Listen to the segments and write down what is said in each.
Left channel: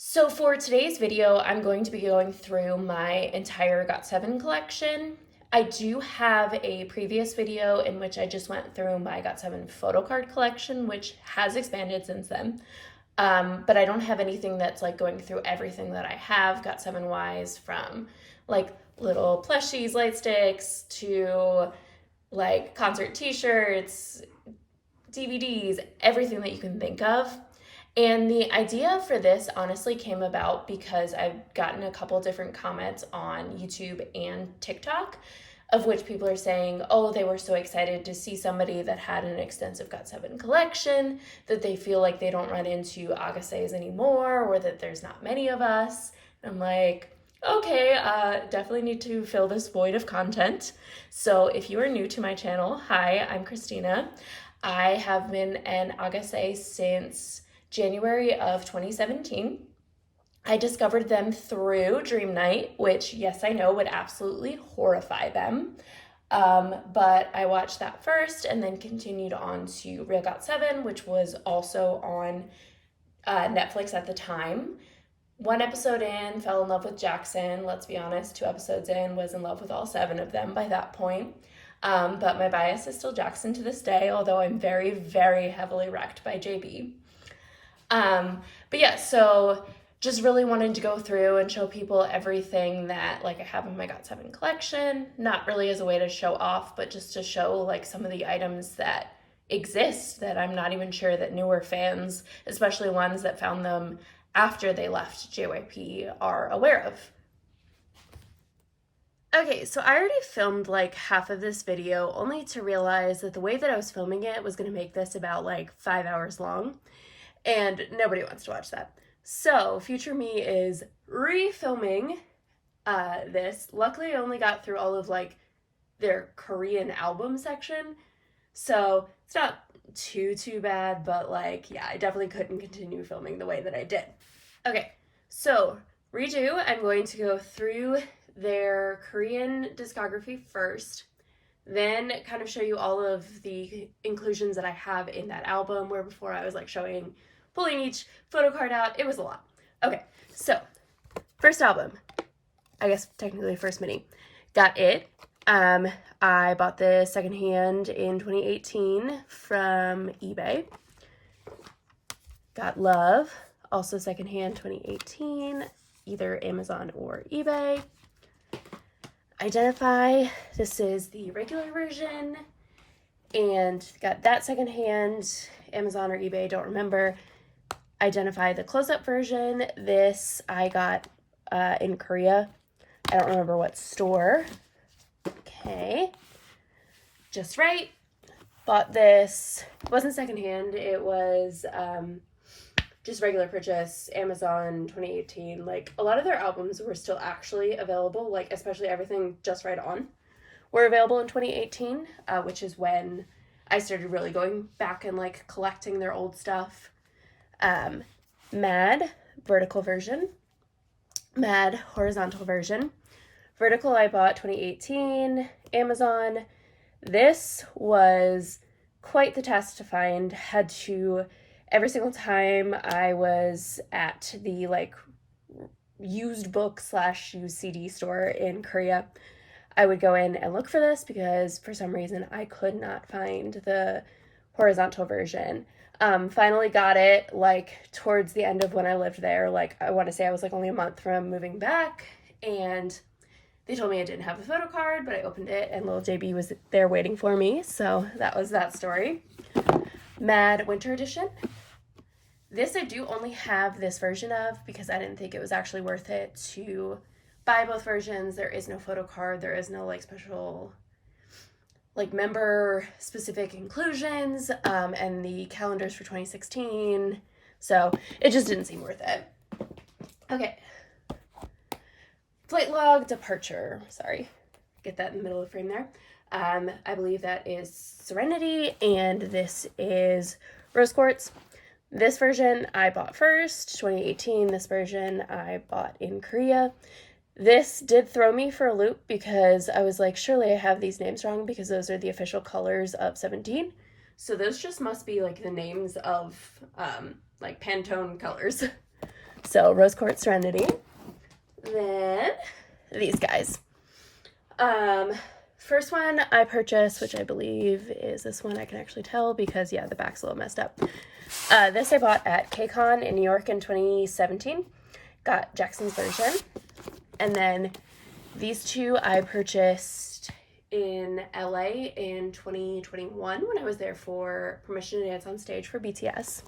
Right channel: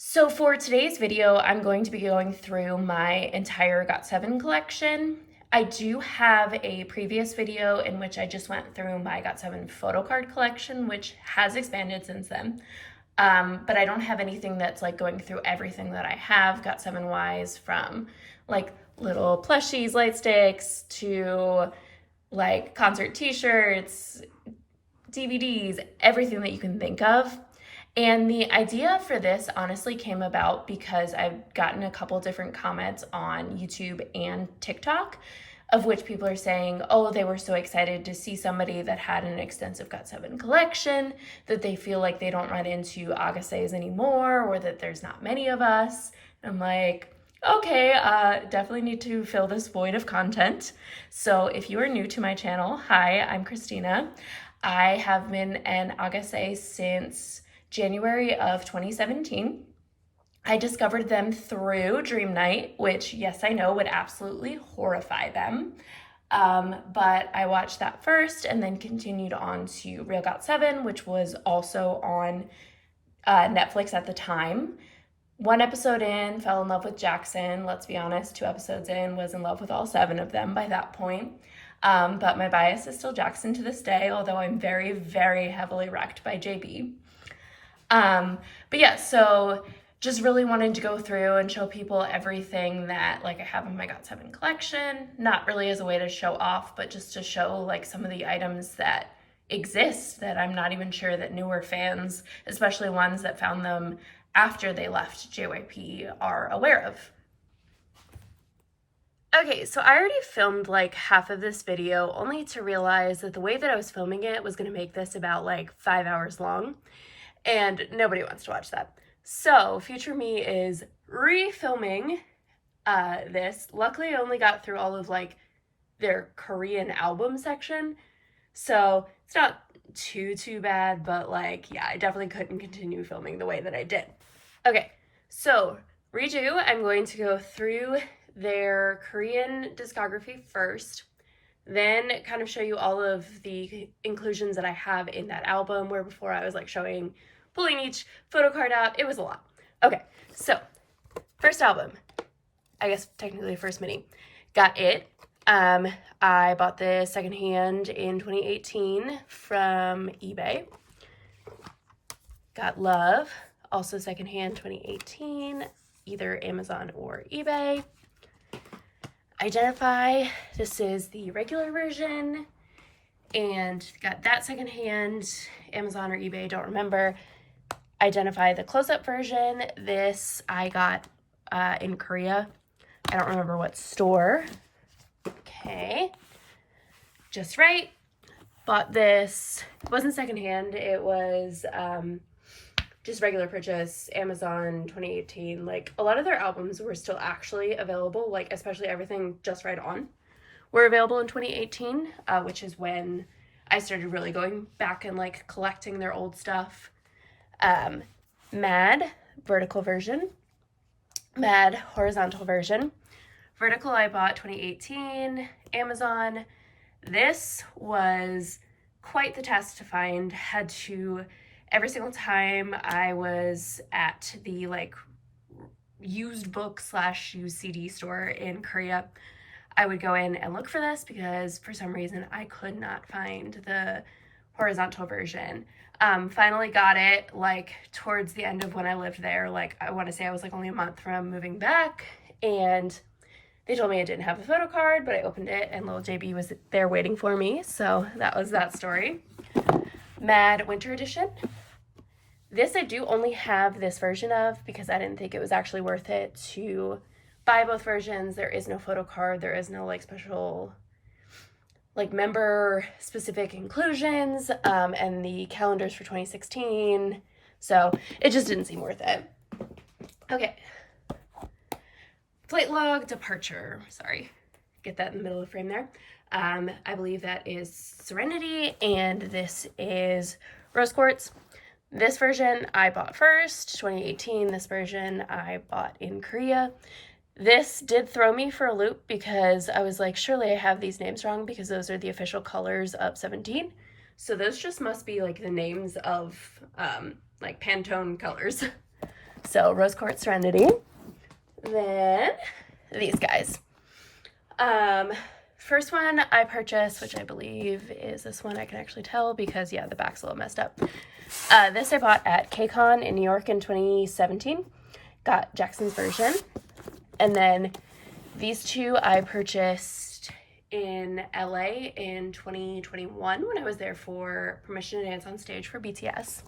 So for today's video, I'm going to be going through my entire Got7 collection. I do have a previous video in which I just went through my Got7 photo card collection, which has expanded since then. But I don't have anything that's like going through everything that I have Got7 wise, from like little plushies, light sticks, to like concert t-shirts, DVDs, everything that you can think of. And the idea for this honestly came about because I've gotten a couple different comments on YouTube and TikTok, of which people are saying, oh, they were so excited to see somebody that had an extensive Got7 collection, that they feel like they don't run into Agassiz anymore, or that there's not many of us. And I'm like, okay, definitely need to fill this void of content. So if you are new to my channel, hi, I'm Christina. I have been an Agassiz since January of 2017. I discovered them through Dream Night, which, yes, I know would absolutely horrify them. But I watched that first and then continued on to Real Got7, which was also on Netflix at the time. One episode in, fell in love with Jackson. Let's be honest, 2 episodes in, was in love with all 7 of them by that point. But my bias is still Jackson to this day, although I'm very, very heavily wrecked by JB. But yeah, so just really wanted to go through and show people everything that like I have in my Got7 collection, not really as a way to show off, but just to show like some of the items that exist that I'm not even sure that newer fans, especially ones that found them after they left JYP, are aware of. Okay, so I already filmed like half of this video only to realize that the way that I was filming it was going to make this about like 5 hours long, and nobody wants to watch that. So future me is refilming this. Luckily, I only got through all of like their Korean album section, so it's not too bad, but like, yeah, I definitely couldn't continue filming the way that I did. Okay, so redo, I'm going to go through their Korean discography first, then kind of show you all of the inclusions that I have in that album, where before I was like pulling each photo card out. It was a lot. Okay, so first album, I guess technically first mini, Got It. I bought this secondhand in 2018 from eBay. Got Love, also secondhand 2018, either Amazon or eBay. Identify, this is the regular version, and got that secondhand, Amazon or eBay, don't remember. Identify, the close-up version, this I got in Korea. I don't remember what store. Okay, Just Right. Bought this, it wasn't secondhand, it was just regular purchase, Amazon 2018. Like, a lot of their albums were still actually available, like especially everything Just Right On were available in 2018, which is when I started really going back and like collecting their old stuff. Mad, vertical version. Mad, horizontal version. Vertical I bought 2018, Amazon. This was quite the task to find. Had to, every single time I was at the like used book / used CD store in Korea, I would go in and look for this because for some reason I could not find the horizontal version. Finally got it like towards the end of when I lived there. Like, I want to say I was like only a month from moving back, and they told me I didn't have a photo card, but I opened it and little JB was there waiting for me. So that was that story. Mad Winter Edition. This I do only have this version of because I didn't think it was actually worth it to buy both versions. There is no photo card. There is no like special like member specific inclusions, and the calendars for 2016. So it just didn't seem worth it. Okay. Flight Log Departure. Sorry. Get that in the middle of the frame there. I believe that is Serenity, and this is Rose Quartz. This version I bought first, 2018. This version I bought in Korea. This did throw me for a loop because I was like, surely I have these names wrong because those are the official colors of 17. So those just must be like the names of like Pantone colors. So Rose Quartz Serenity. Then these guys. First one I purchased, which I believe is this one. I can actually tell because, yeah, the back's a little messed up. This I bought at KCON in New York in 2017. Got Jackson's version. And then these two I purchased in LA in 2021 when I was there for Permission to Dance on Stage for BTS.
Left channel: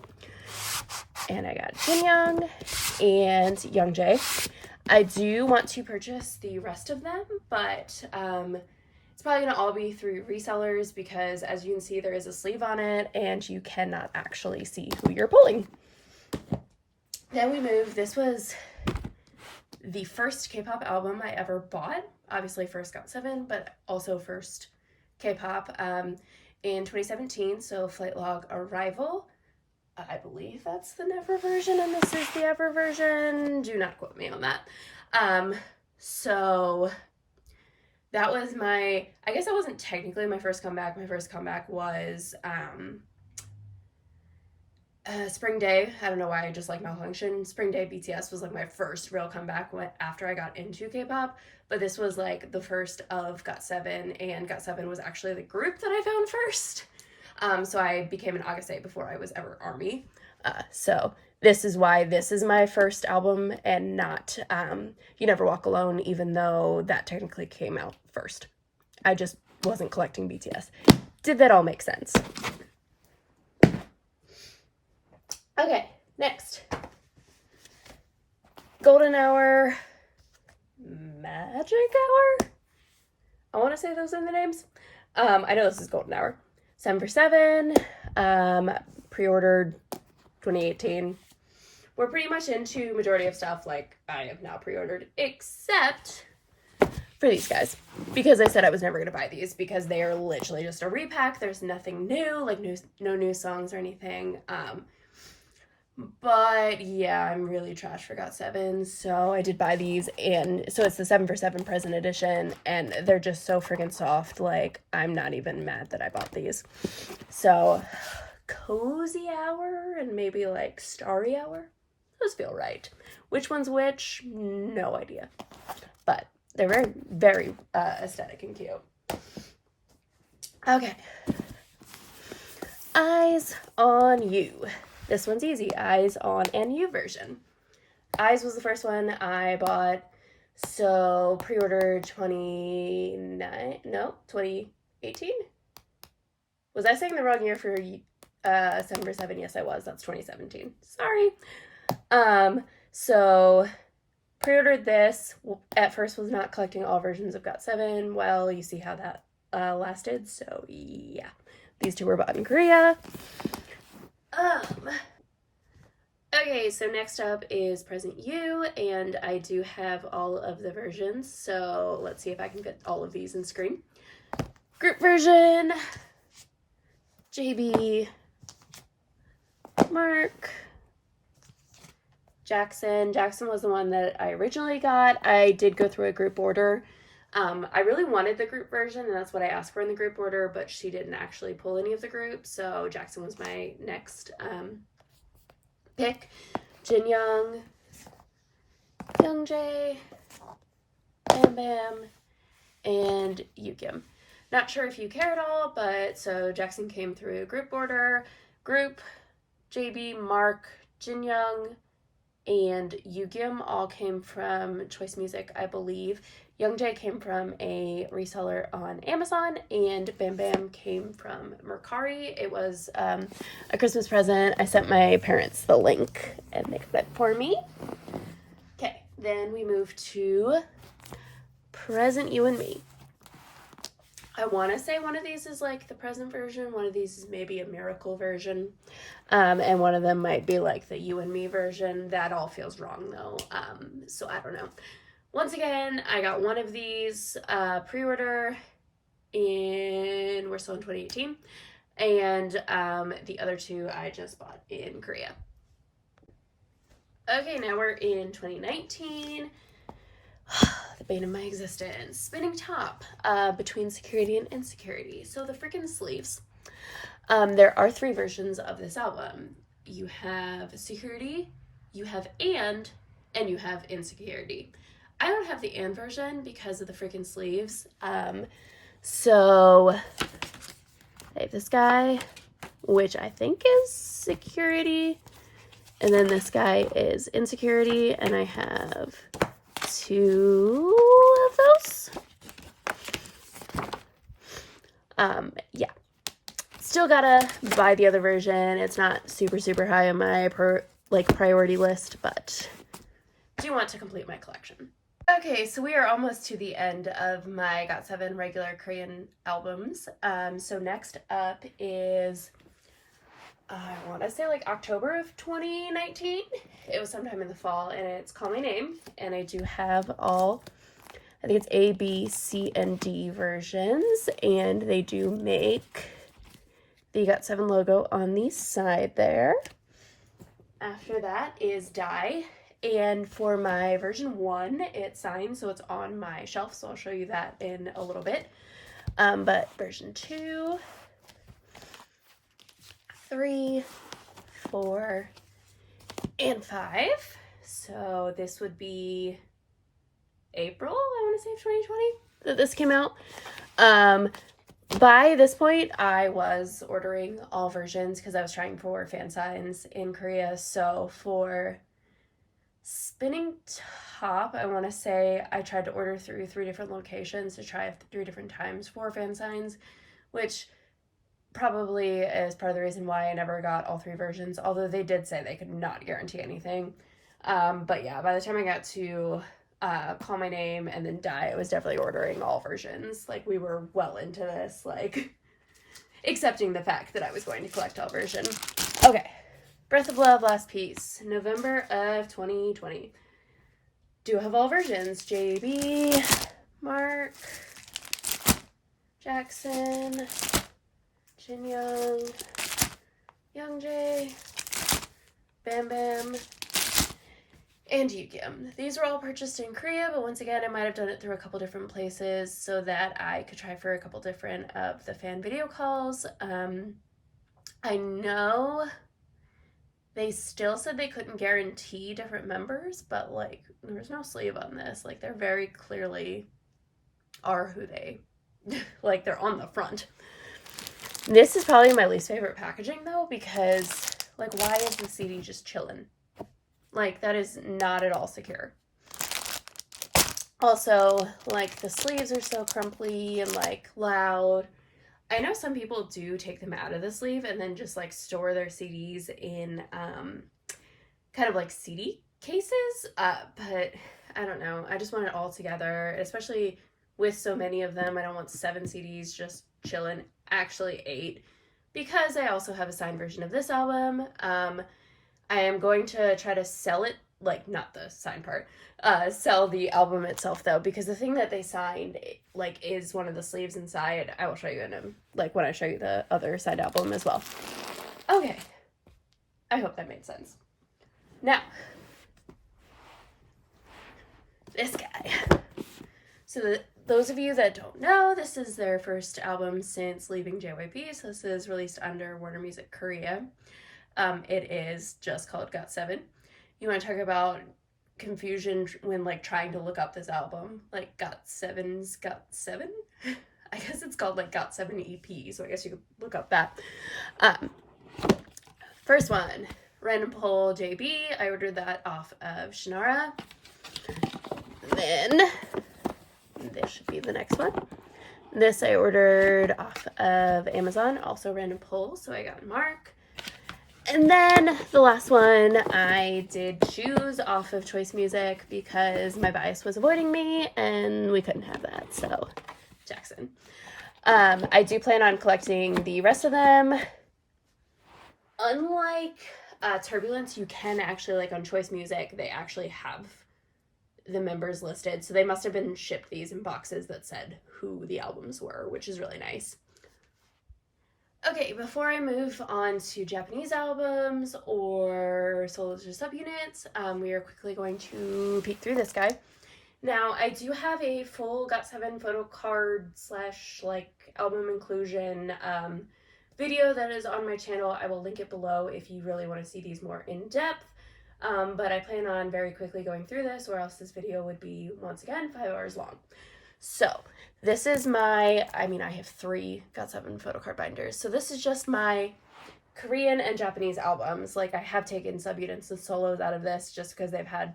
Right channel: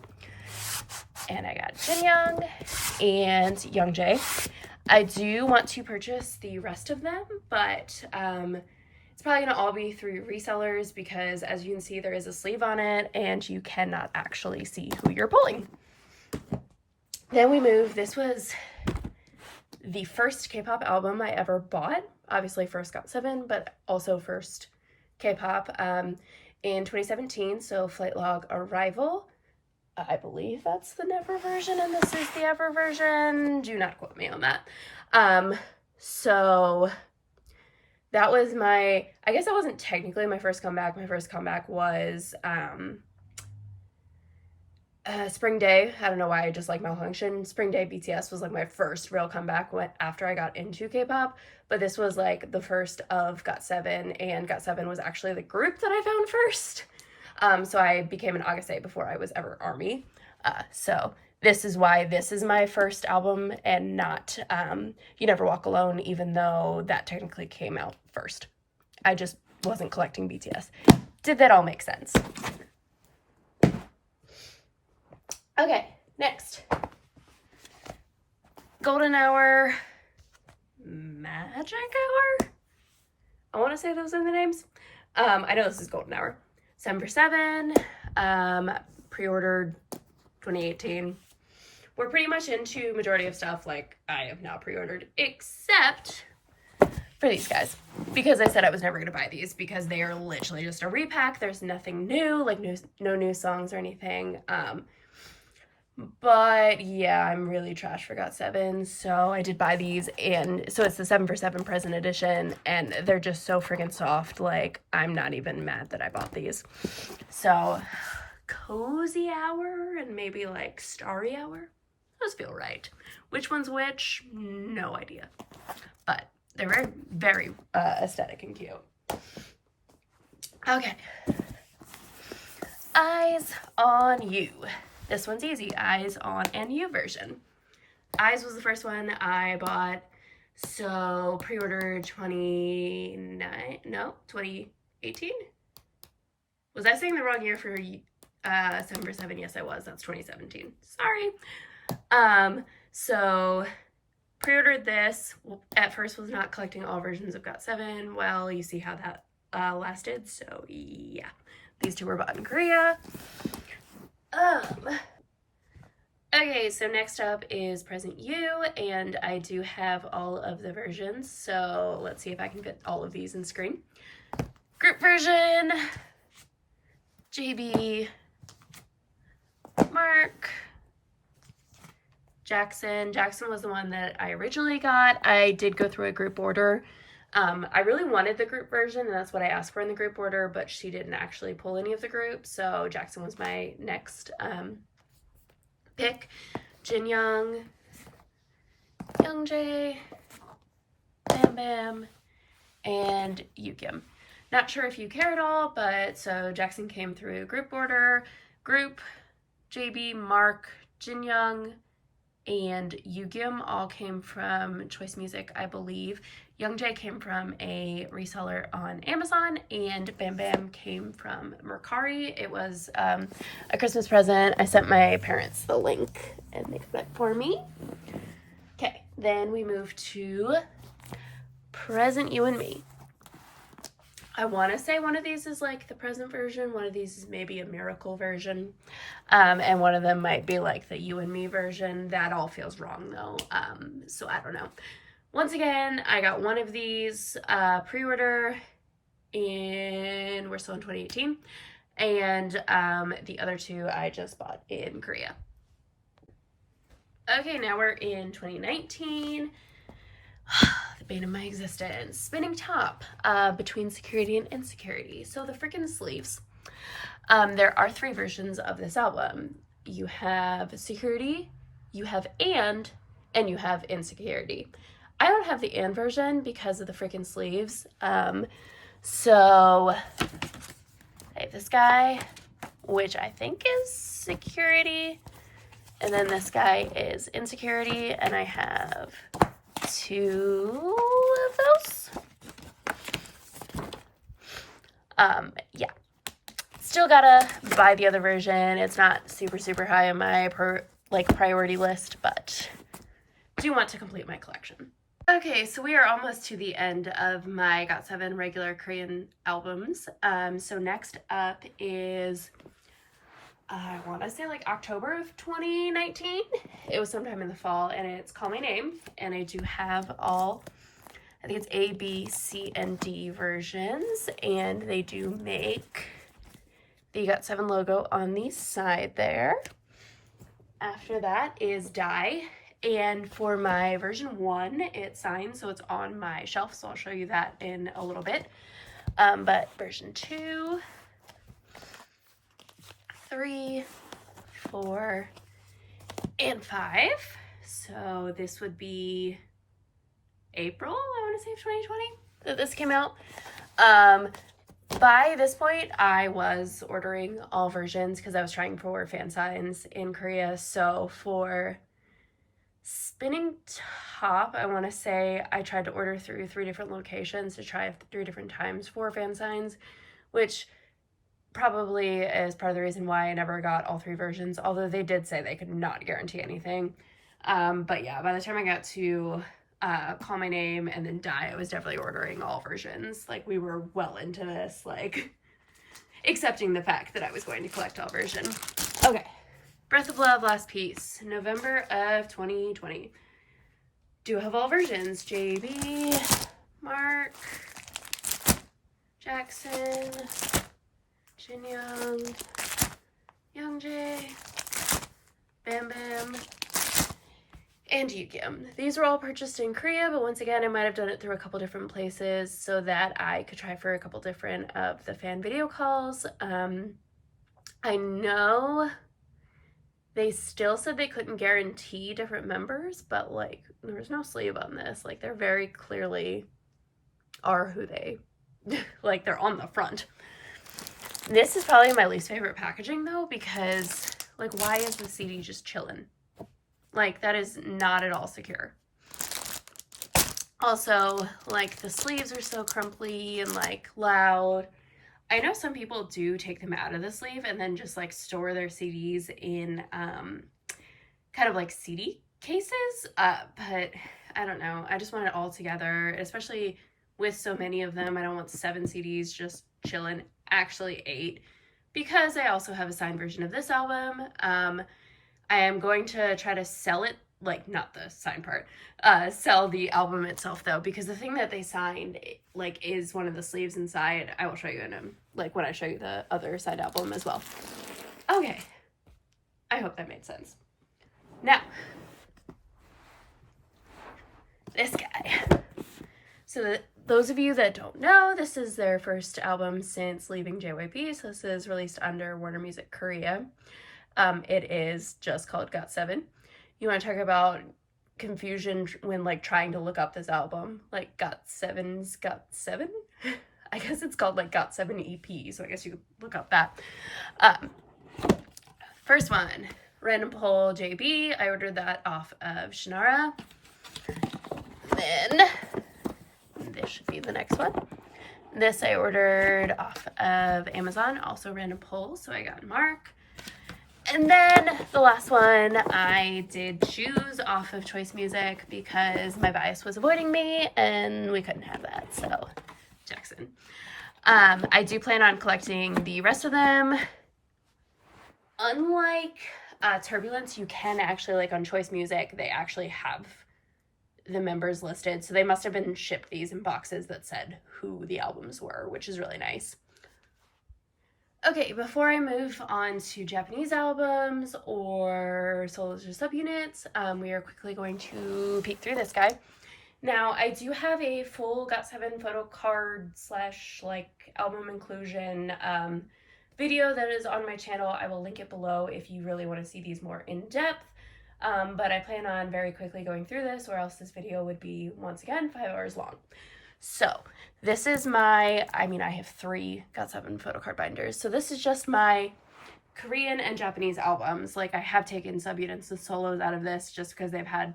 And I got Jin Young and Youngjae. I do want to purchase the rest of them, but it's probably going to all be through resellers because, as you can see, there is a sleeve on it and you cannot actually see who you're pulling. Then we move. This was the first K-pop album I ever bought. Obviously first Got7, but also first K-pop in 2017. So Flight Log Arrival. I believe that's the Never version and this is the Ever version. Do not quote me on that. So that was I guess that wasn't technically my first comeback. My first comeback was Spring Day. I don't know why I just like malfunction. Spring Day BTS was like my first real comeback after I got into K-pop, but this was like the first of Got7, and Got7 was actually the group that I found first. So I became an August 8 before I was ever ARMY. So this is why this is my first album and not You Never Walk Alone, even though that technically came out first. I just wasn't collecting BTS. Did that all make sense? Okay, next. Golden Hour, Magic Hour? I want to say those are the names. I know this is Golden Hour. 7 for 7, pre-ordered 2018. We're pretty much into majority of stuff like I have now pre-ordered, except for these guys, because I said I was never going to buy these because they are literally just a repack. There's nothing new, like no new songs or anything. But yeah, I'm really trash for Got7, so I did buy these, and so it's the 7 for 7 present edition, and they're just so freaking soft. Like, I'm not even mad that I bought these. So, Cozy Hour and maybe like Starry Hour, those feel right. Which one's which? No idea. But they're very, very aesthetic and cute. Okay. Eyes on You. This one's easy. Eyes on and You version. Eyes was the first one I bought. So pre-ordered 2018? Was I saying the wrong year for 7 for 7? Yes, I was. That's 2017. Sorry. So pre-ordered this. At first was not collecting all versions of Got7. Well, you see how that lasted. So yeah. These two were bought in Korea. Okay, so next up is Present You, and I do have all of the versions, so let's see if I can fit all of these in screen. Group version, JB, Mark, Jackson. Jackson was the one that I originally got. I did go through a group order. I really wanted the group version, and that's what I asked for in the group order, but she didn't actually pull any of the groups, so Jackson was my next pick. Jin Young, Youngjae, Bam Bam, and Yukim. Not sure if you care at all, but so Jackson came through group order. Group, JB, Mark, Jin Young, and Yukim all came from Choice Music, I believe. Youngjae came from a reseller on Amazon, and Bam Bam came from Mercari. It was a Christmas present. I sent my parents the link, and they got it for me. Okay, then we move to Present You and Me. I want to say one of these is like the present version, one of these is maybe a miracle version, and one of them might be like the You and Me version. That all feels wrong though, so I don't know. Once again, I got one of these pre-order we're still in 2018, and the other two I just bought in Korea. Okay, now we're in 2019. The bane of my existence. Spinning top between Security and Insecurity. So the freaking sleeves. There are 3 versions of this album. You have Security, you have and you have insecurity. I don't have the and version because of the freaking sleeves. So I have this guy, which I think is security, and then this guy is insecurity, and I have 2 of those. Yeah. Still gotta buy the other version. It's not super high on my priority list, but do want to complete my collection. Okay, so we are almost to the end of my Got7 regular Korean albums. So next up is, I want to say like October of 2019. It was sometime in the fall, and it's Call My Name. And I do have all, I think it's A, B, C, and D versions, and they do make the Got7 logo on the side there. After that is Die. And for my version 1, it's signed, so it's on my shelf, so I'll show you that in a little bit. But version 2, 3, 4, and 5. So this would be April, I want to say, of 2020 that this came out. By this point, I was ordering all versions because I was trying for fan signs in Korea. So for Spinning Top, I want to say I tried to order through 3 different locations to try 3 different times for fan signs, which probably is part of the reason why I never got all 3 versions, although they did say they could not guarantee anything. But yeah, by the time I got to Call My Name and then Die, I was definitely ordering all versions. Like, we were well into this, like, accepting the fact that I was going to collect all versions. Okay. Breath of Love, Last Piece, November of 2020. Do have all versions. JB, Mark, Jackson, Jin Young, Young Jae, Bam Bam, and Yukyum. These were all purchased in Korea, but once again, I might have done it through a couple different places so that I could try for a couple different of the fan video calls. I know they still said they couldn't guarantee different members, but like, there's no sleeve on this. Like, they're very clearly are who they, like, they're on the front. This is probably my least favorite packaging though, because like, why is the CD just chilling? Like, that is not at all secure. Also, like, the sleeves are so crumply and like loud. I know some people do take them out of the sleeve and then just like store their CDs in kind of like CD cases, but I don't know. I just want it all together, especially with so many of them. I don't want 7 CDs just chilling, actually 8, because I also have a signed version of this album. I am going to try to sell it, like, not the signed part, sell the album itself though, because the thing that they signed, like, is one of the sleeves inside. I will show you in like when I show you the other side album as well. Okay, I hope that made sense. Now, this guy. So those of you that don't know, this is their first album since leaving JYP, so this is released under Warner Music Korea. It is just called Got7. You want to talk about confusion when like trying to look up this album, like Got7's Got7? I guess it's called like Got7 EP, so I guess you could look up that. First one, Random Poll JB. I ordered that off of Shannara. Then this should be the next one. This I ordered off of Amazon, also Random Poll, so I got Mark. And then the last one I did choose off of Choice Music because my bias was avoiding me and we couldn't have that, so Jackson. I do plan on collecting the rest of them. Unlike Turbulence, you can actually, like on Choice Music, they actually have the members listed, so they must have been shipped these in boxes that said who the albums were, which is really nice. Okay, before I move on to Japanese albums or solos or subunits, we are quickly going to peek through this guy. Now, I do have a full Got7 photo card / like album inclusion video that is on my channel. I will link it below if you really want to see these more in depth. but I plan on very quickly going through this, or else this video would be, once again, 5 hours long. So this is my, I have 3 Got7 photo card binders. So this is just my Korean and Japanese albums. Like, I have taken subunits and solos out of this just because they've had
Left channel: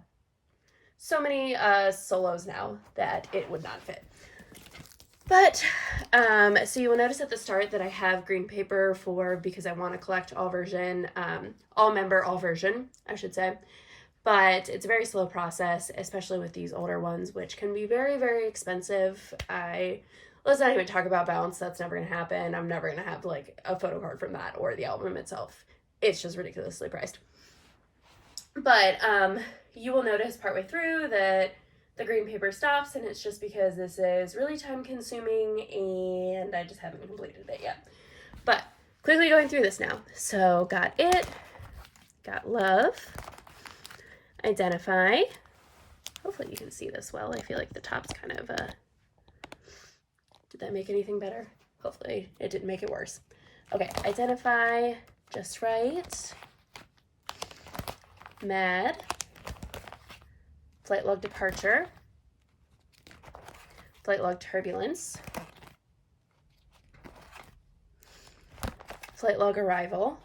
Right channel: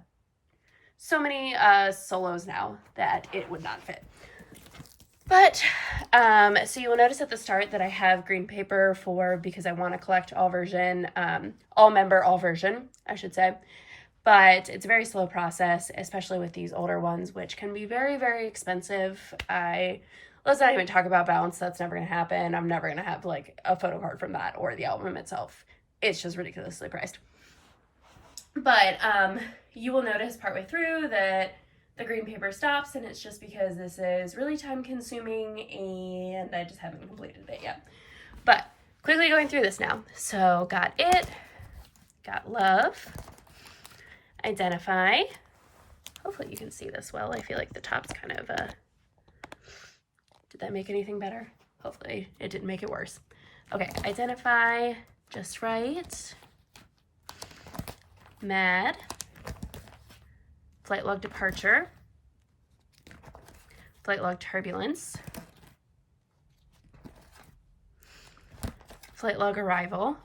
so many solos now that it would not fit. But, so you will notice at the start that I have green paper because I want to collect all version, all version, I should say. But it's a very slow process, especially with these older ones, which can be very, very expensive. Let's not even talk about bounce. That's never going to happen. I'm never going to have like a photo card from that or the album itself. It's just ridiculously priced. But you will notice partway through that the green paper stops, and it's just because this is really time consuming and I just haven't completed it yet. But quickly going through this now. So got it, got love, identify. Hopefully you can see this well. I feel like the top's kind of, did that make anything better? Hopefully it didn't make it worse. Okay, identify, just right, mad, flight log departure, flight log turbulence, flight log arrival,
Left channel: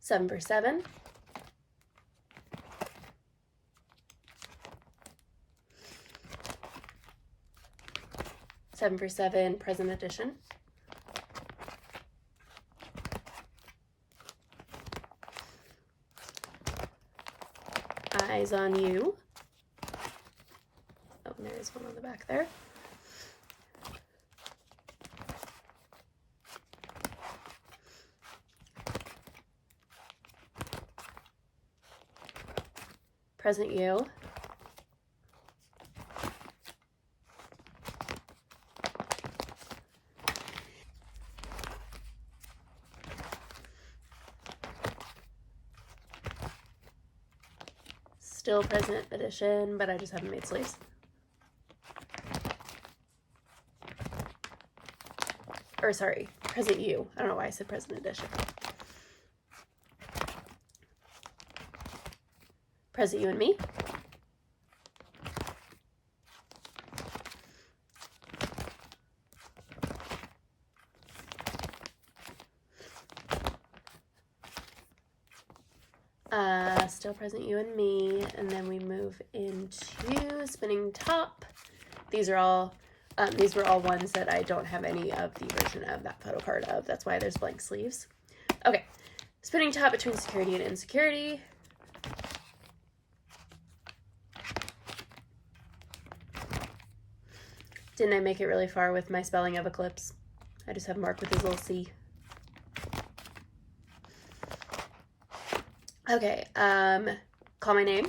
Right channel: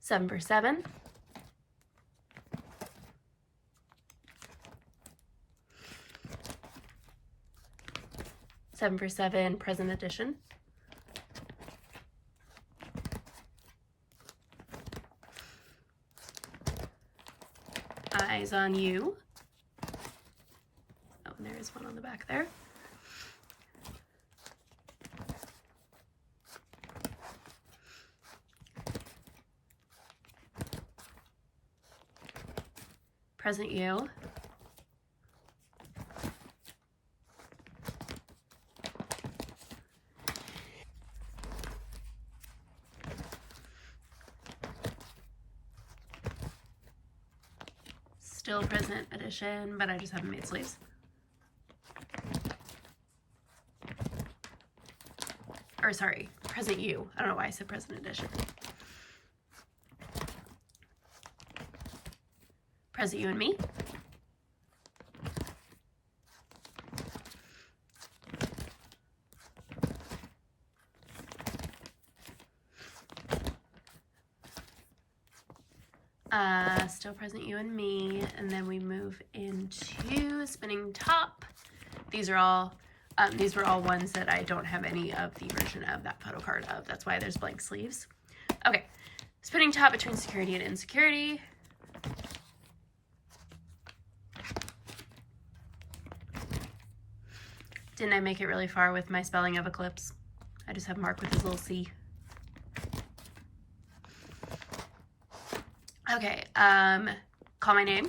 seven for 7, seven for 7 present edition, eyes on you. Oh, and there is one on the back there. Present you. Still present edition, but I just haven't made sleeves. Or sorry, present you. I don't know why I said present edition. Present you and me. Still present you and me, and then we move into spinning top. These were all ones that I don't have any of the version of that photo card of. That's why there's blank sleeves. Okay, spinning top between security and insecurity. Didn't I make it really far with my spelling of eclipse? I just have Mark with his little C. Okay, call my name.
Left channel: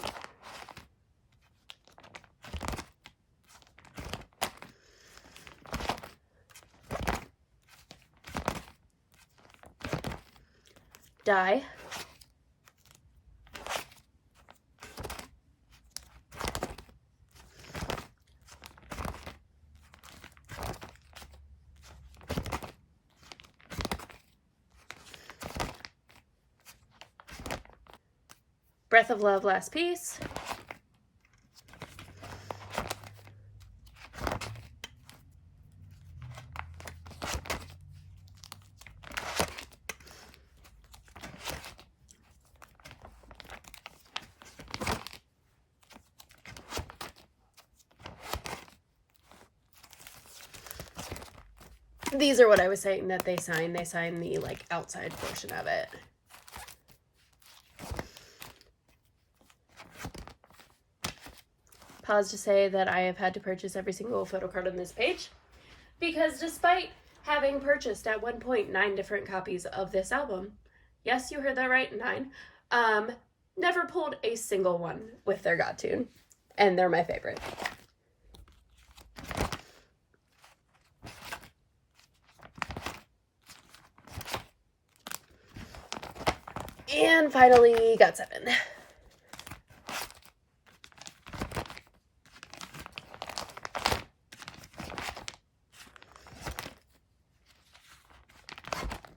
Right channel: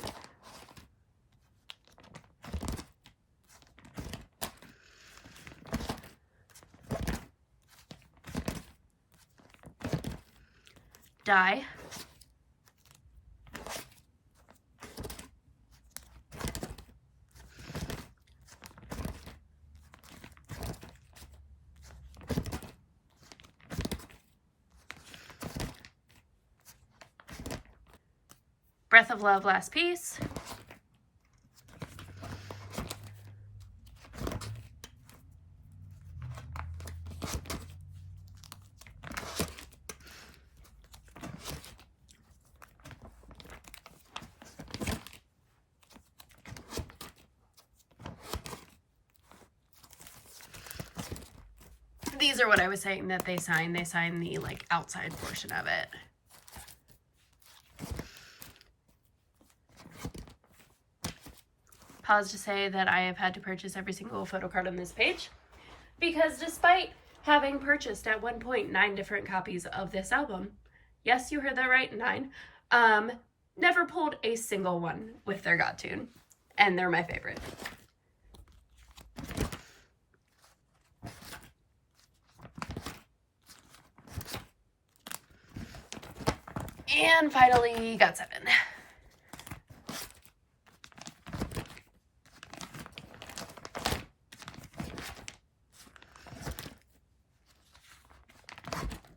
Die. Breath of Love, last piece. These are what I was saying that they sign. They sign the like outside portion of it. Pause to say that I have had to purchase every single photo card on this page because despite having purchased at one point 9 different copies of this album, yes, you heard that right, 9, never pulled a single one with their God tune, and they're my favorite. And finally, Got7.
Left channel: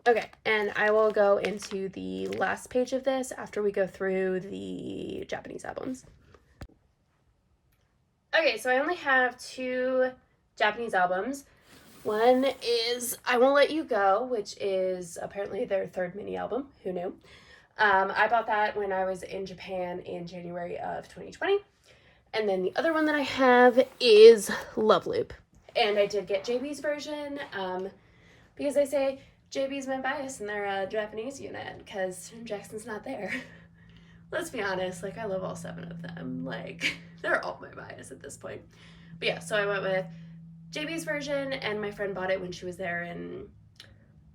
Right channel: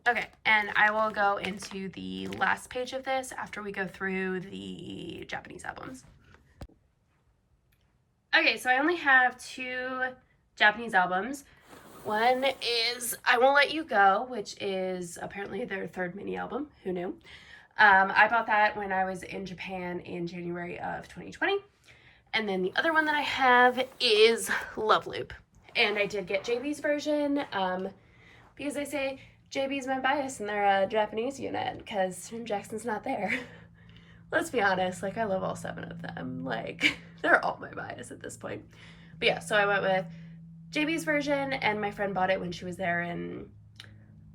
Okay, and I will go into the last page of this after we go through the Japanese albums. Okay, so I only have 2 Japanese albums. One is I Won't Let You Go, which is apparently their 3rd mini album. Who knew? I bought that when I was in Japan in January of 2020. And then the other one that I have is Love Loop. And I did get JB's version because they say JB's my bias and they're a Japanese unit because Jackson's not there. Let's be honest, like I love all 7 of them. Like they're all my bias at this point. But yeah, so I went with JB's version and my friend bought it when she was there in,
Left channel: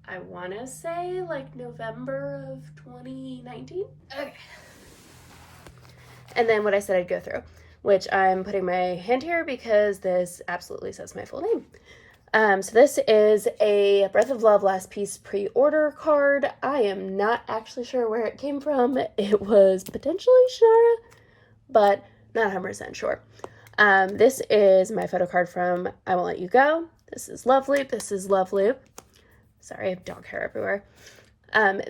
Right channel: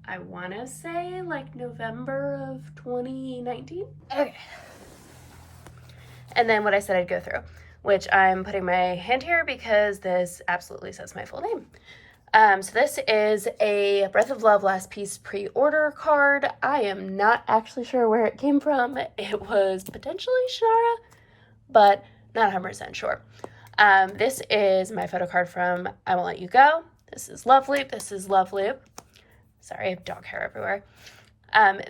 I want to say like November of 2019. Okay. And then what I said I'd go through, which I'm putting my hand here because this absolutely says my full name. So this is a Breath of Love Last Piece pre-order card. I am not actually sure where it came from. It was potentially Shannara, but not 100% sure. This is my photo card from I Won't Let You Go. This is Love Loop. This is Love Loop. Sorry, I have dog hair everywhere.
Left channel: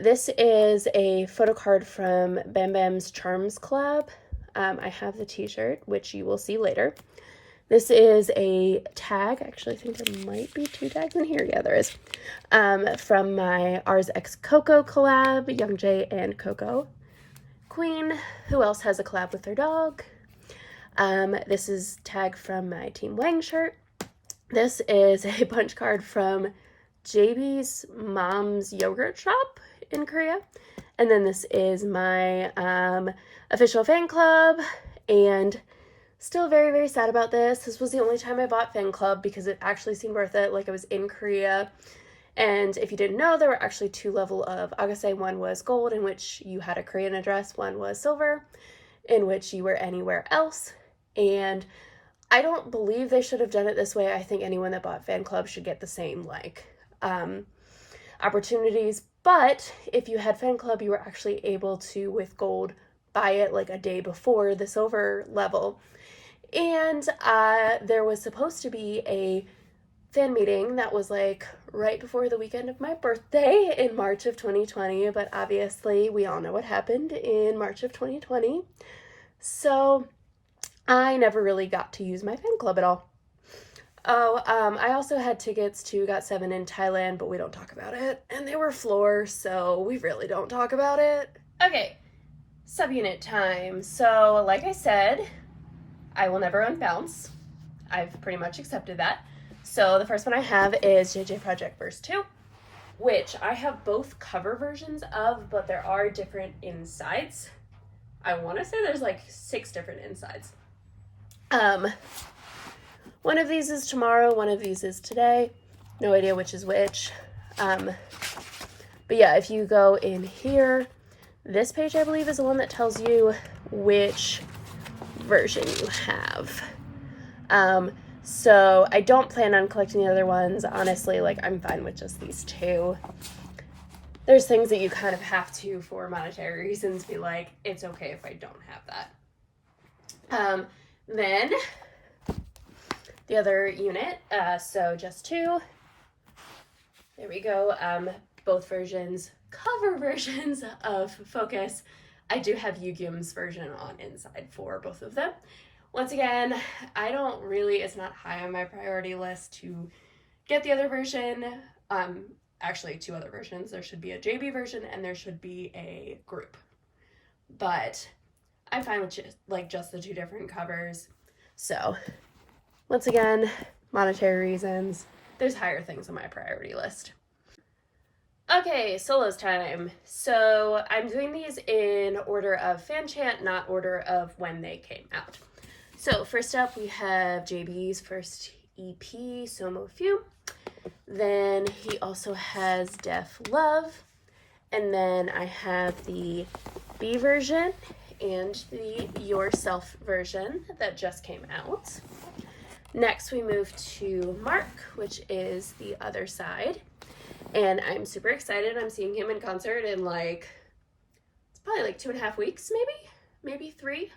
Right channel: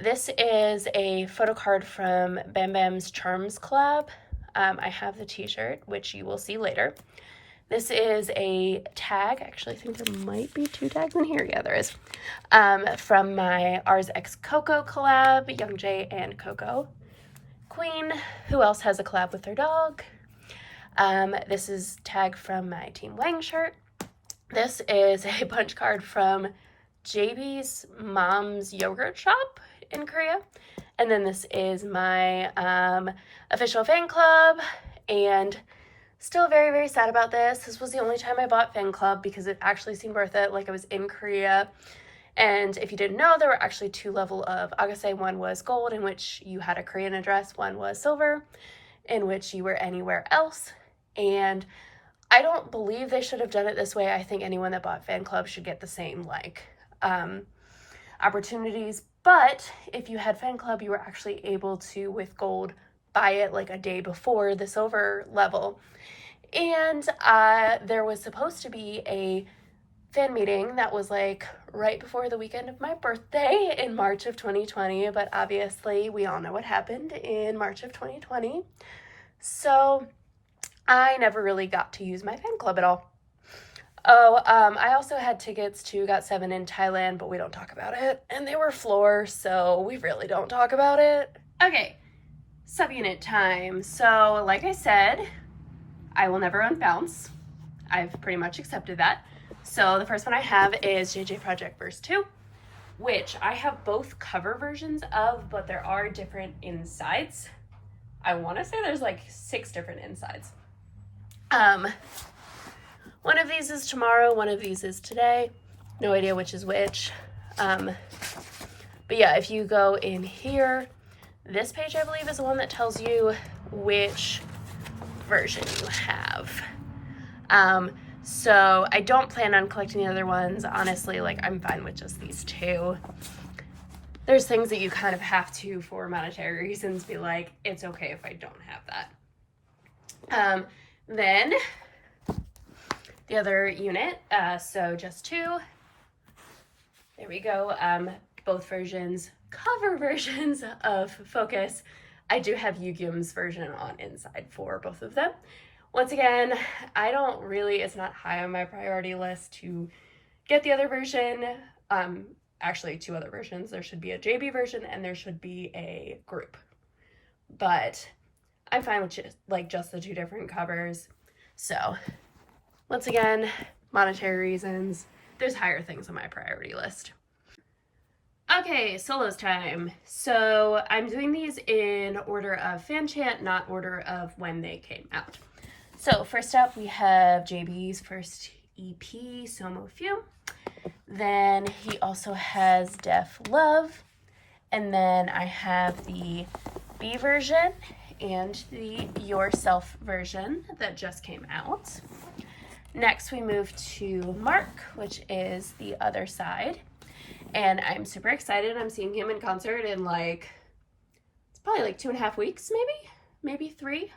This is a photo card from Bam Bam's Charms collab. I have the t-shirt, which you will see later. This is a tag. Actually, I think there might be 2 tags in here. Yeah, there is. From my Ours X Coco collab, Young J and Coco Queen. Who else has a collab with their dog? This is tag from my Team Wang shirt. This is a punch card from JB's mom's yogurt shop in Korea. And then this is my official fan club, and still very, very sad about this. This was the only time I bought fan club because it actually seemed worth it. Like I was in Korea. And if you didn't know, there were actually 2 levels of Agase. One was gold, in which you had a Korean address. One was silver, in which you were anywhere else. And I don't believe they should have done it this way. I think anyone that bought fan club should get the same, like, opportunities. But if you had fan club, you were actually able to, with gold, buy it like a day before the silver level. And there was supposed to be a fan meeting that was like right before the weekend of my birthday in March of 2020, but obviously we all know what happened in March of 2020. So I never really got to use my fan club at all. I also had tickets to Got7 in Thailand, but we don't talk about it. And they were floor, so we really don't talk about it. Okay, subunit time. So, like I said, I will never unbounce. I've pretty much accepted that. So the first one I have is JJ Project Verse 2, which I have both cover versions of, but there are different insides. I want to say there's like 6 different insides. One of these is tomorrow, one of these is today. No idea which is which. But yeah, if you go in here, this page I believe is the one that tells you which version you have. So I don't plan on collecting the other ones. Honestly, like I'm fine with just these 2. There's things that you kind of have to, for monetary reasons, be like, it's okay if I don't have that. Then the other unit, so just 2. There we go. Both versions, cover versions of Focus. I do have Yugyeom's version on inside for both of them. Once again, I don't really, it's not high on my priority list to get the other version. Actually 2 other versions. There should be a JB version and there should be a group. But I'm fine with just the 2 different covers. So once again, monetary reasons, there's higher things on my priority list. Okay, solos time. So I'm doing these in order of fan chant, not order of when they came out. So first up, we have JB's first EP, Somo Few. Then he also has Def Love. And then I have the B version and the Yourself version that just came out. Next, we move to Mark, which is the other side. And I'm super excited. I'm seeing him in concert in it's probably like 2.5 weeks, maybe 3.